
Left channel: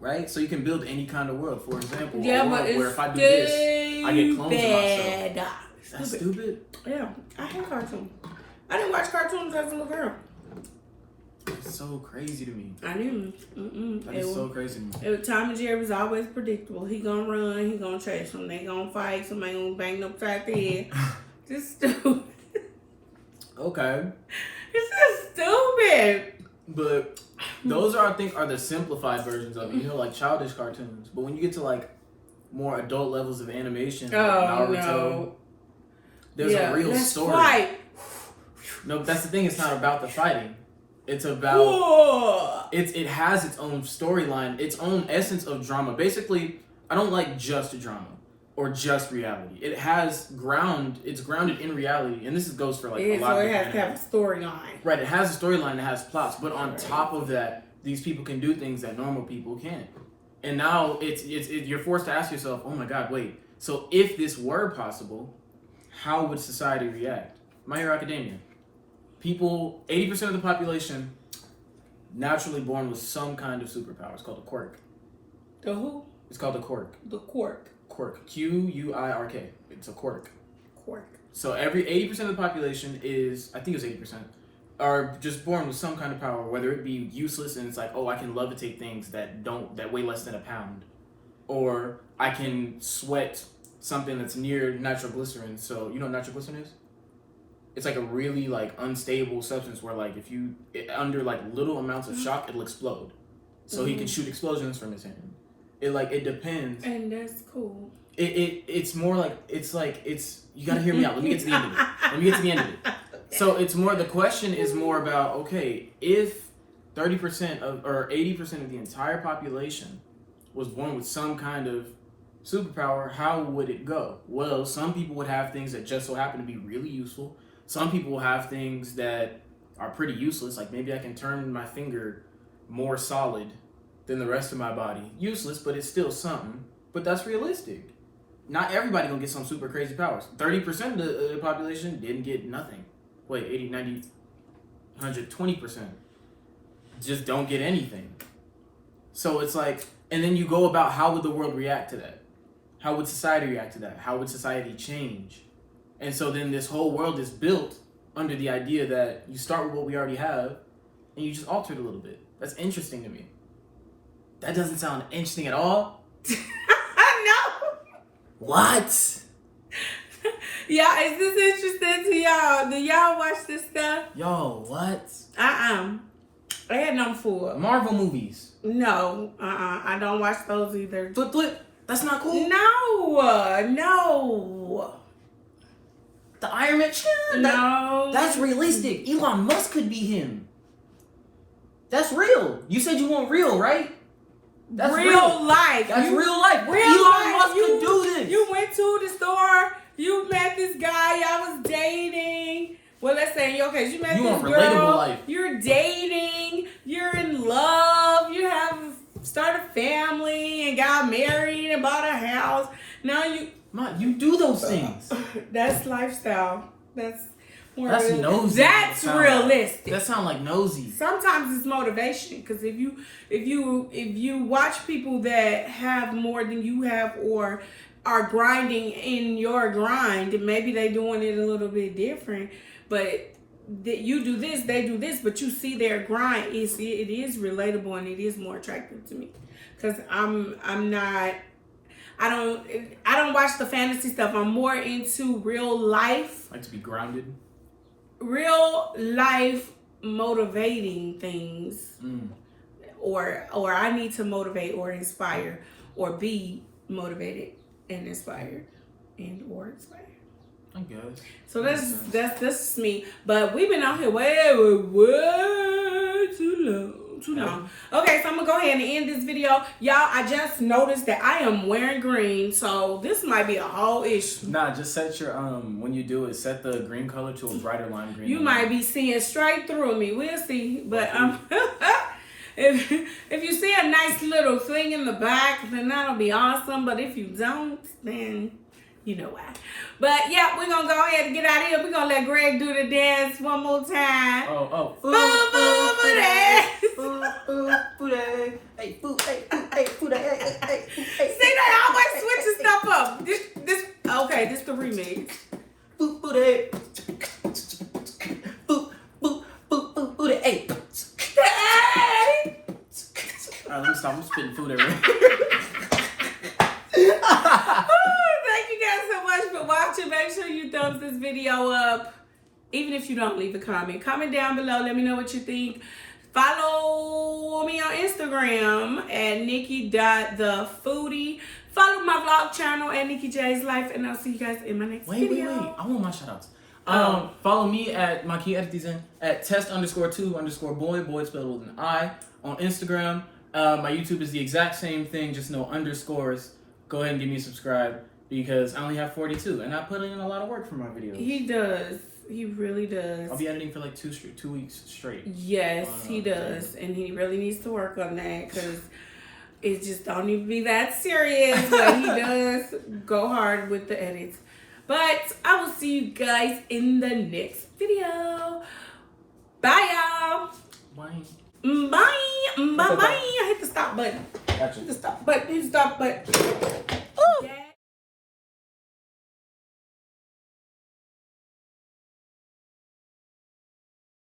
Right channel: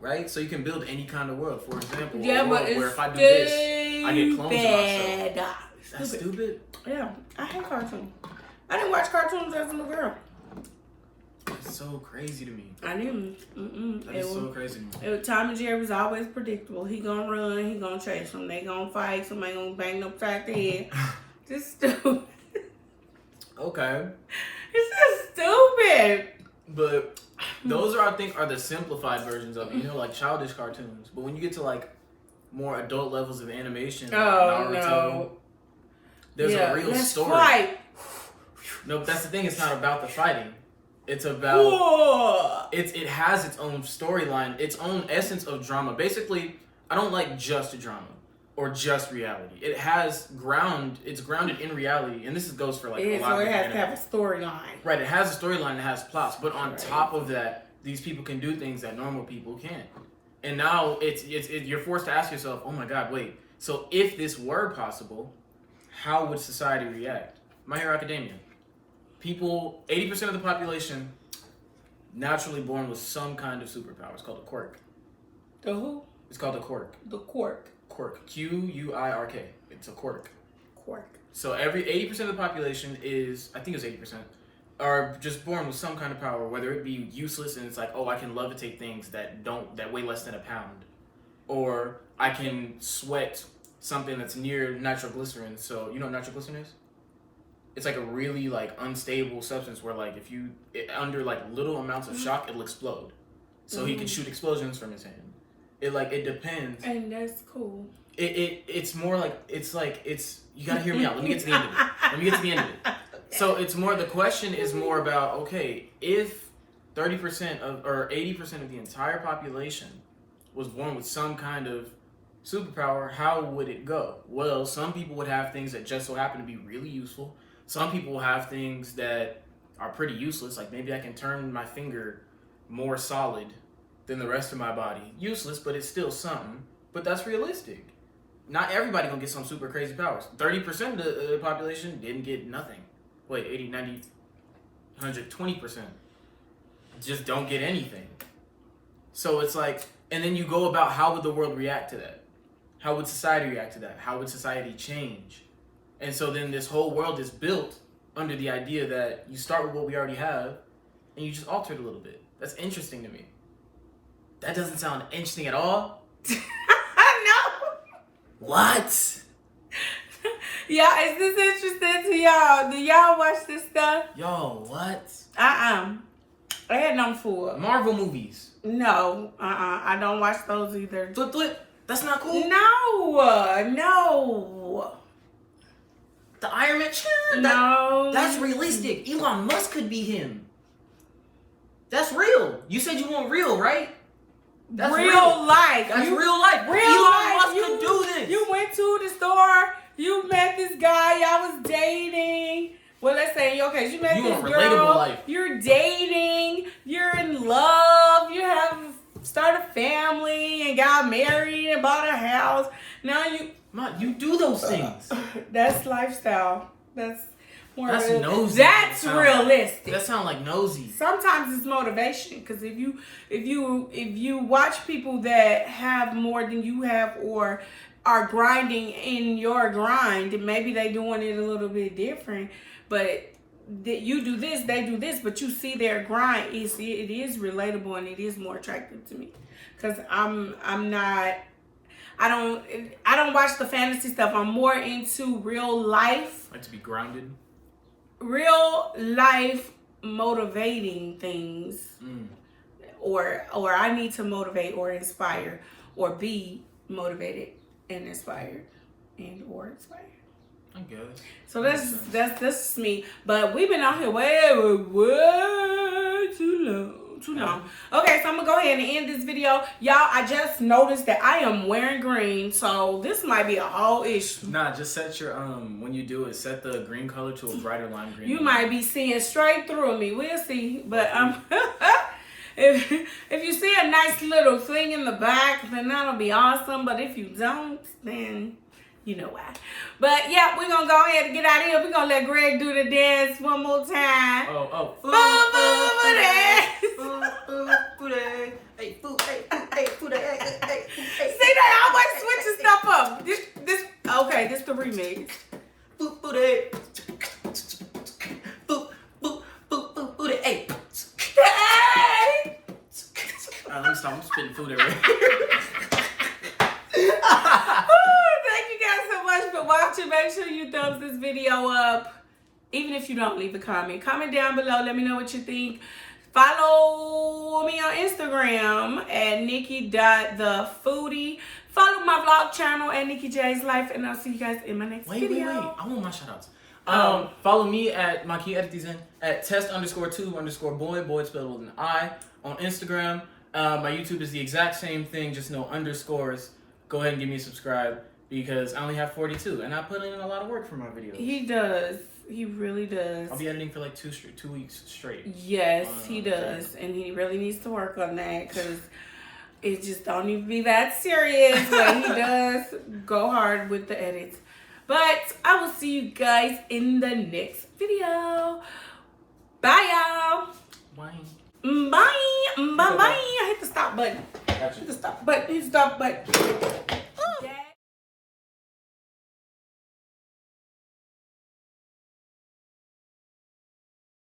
Right? So you can build any kind of world. For example, a world where if I do this, I get clones of myself. That's stupid. Yeah, I hate cartoons. I didn't watch cartoons as a little girl. It's so crazy to me. I didn't. That is so crazy to me. Tom and Jerry was always predictable. He gonna run, he gonna chase them. They gonna fight, somebody gonna bang them upside the head. Just stupid. Okay. It's just stupid. But those I think are the simplified versions of it. You know, like childish cartoons. But when you get to like more adult levels of animation, like Naruto, no. there's a real story. Fight. No, but that's the thing. It's not about the fighting. It's about it has its own storyline, its own essence of drama. Basically, I don't like just drama or just reality. It's grounded in reality, and this goes for like a lot of So it has different to have a storyline. Right, it has a storyline, it has plots, but on top of that, these people can do things that normal people can't. And now you're forced to ask yourself, oh my God, wait. So if this were possible, how would society react? My Hero Academia. People, 80% of the population, naturally born with some kind of superpower. It's called a quirk. The who? It's called a quirk. The quirk. Quirk. Quirk. It's a quirk. Quirk. So every 80% of the population is, I think it's 80%, are just born with some kind of power, whether it be useless and it's like, oh, I can levitate things that weigh less than a pound, or I can sweat something that's near nitroglycerin. So you know what nitroglycerin is? It's like a really like unstable substance where like if you under like little amounts of shock, it'll explode. So he can shoot explosions from his hand. It depends. And that's cool. It's more like it's you gotta hear me out. Let me get to the end of it. Okay. So it's more, the question is more about, okay, if 30% of or 80% of the entire population was born with some kind of superpower, how would it go? Well, some people would have things that just so happen to be really useful. Some people will have things that are pretty useless, like maybe I can turn my finger more solid than the rest of my body. Useless, but it's still something. But that's realistic. Not everybody gonna get some super crazy powers. 30% of the population didn't get nothing. Wait, 80, 90, 100, 20% just don't get anything. So it's like, and then you go about how would the world react to that? How would society react to that? How would society change? And so then this whole world is built under the idea that you start with what we already have and you just alter it a little bit. That's interesting to me. That doesn't sound interesting at all. I know. What? Y'all, is this interesting to y'all? Do y'all watch this stuff? Yo, what? I had them for. Marvel movies. No, I don't watch those either. Flip. That's not cool. No. The Iron Man. No. That's realistic. Elon Musk could be him. That's real. You said you want real, right? That's real life. That's real life. Real Elon life. Musk could do this. You went to the store. You met this guy. Y'all was dating. Well, let's say, okay, you met You this want girl. relatable life. You're dating. You're in love. You have started a family and got married and bought a house. Now you do those things. That's lifestyle. That's more That's real. nosy. That's realistic. That sound like nosy. Sometimes it's motivation, because if you watch people that have more than you have or are grinding in your grind, and maybe they doing it a little bit different, but that you do this, they do this, but you see their grind. It is relatable and it is more attractive to me, because I don't watch the fantasy stuff. I'm more into real life. Like to be grounded. Real life motivating things. Or I need to motivate or inspire or be motivated and inspired and or inspired. I guess. So that's me. But we've been out here way too long. Okay, so I'm gonna go ahead and end this video. Y'all, I just noticed that I am wearing green, so this might be a whole issue. Nah, just set your when you do it, set the green color to a brighter lime green. You might be seeing straight through me. We'll see. But if you see a nice little thing in the back, then that'll be awesome. But if you don't, then you know why. But yeah, we're gonna go ahead and get out of here. We're gonna let Greg do the dance one more time. Oh. See that? I always switching stuff up. This the remix. Hey! Alright, let me stop. I'm spitting food everywhere. Thank you guys so much for watching. Make sure you thumbs this video up. Even if you don't, leave a comment. Comment down below. Let me know what you think. Follow me on Instagram at Nikki.thefoodie. Follow my vlog channel at Nikki J's Life. And I'll see you guys in my next video. Wait. I want my shout outs. Follow me at my key edit these in at test_2_boy. Boy spelled with an I on Instagram. My YouTube is the exact same thing, just no underscores. Go ahead and give me a subscribe because I only have 42 and I put in a lot of work for my videos. He does. He really does. I'll be editing for like 2 weeks straight. Yes, he does. And he really needs to work on that because it just don't even be that serious. But he does go hard with the edits. But I will see you guys in the next video. Bye, y'all. Bye. Bye. Bye. Bye. I hit the stop button. Gotcha. Hit the stop button. Hit the stop button.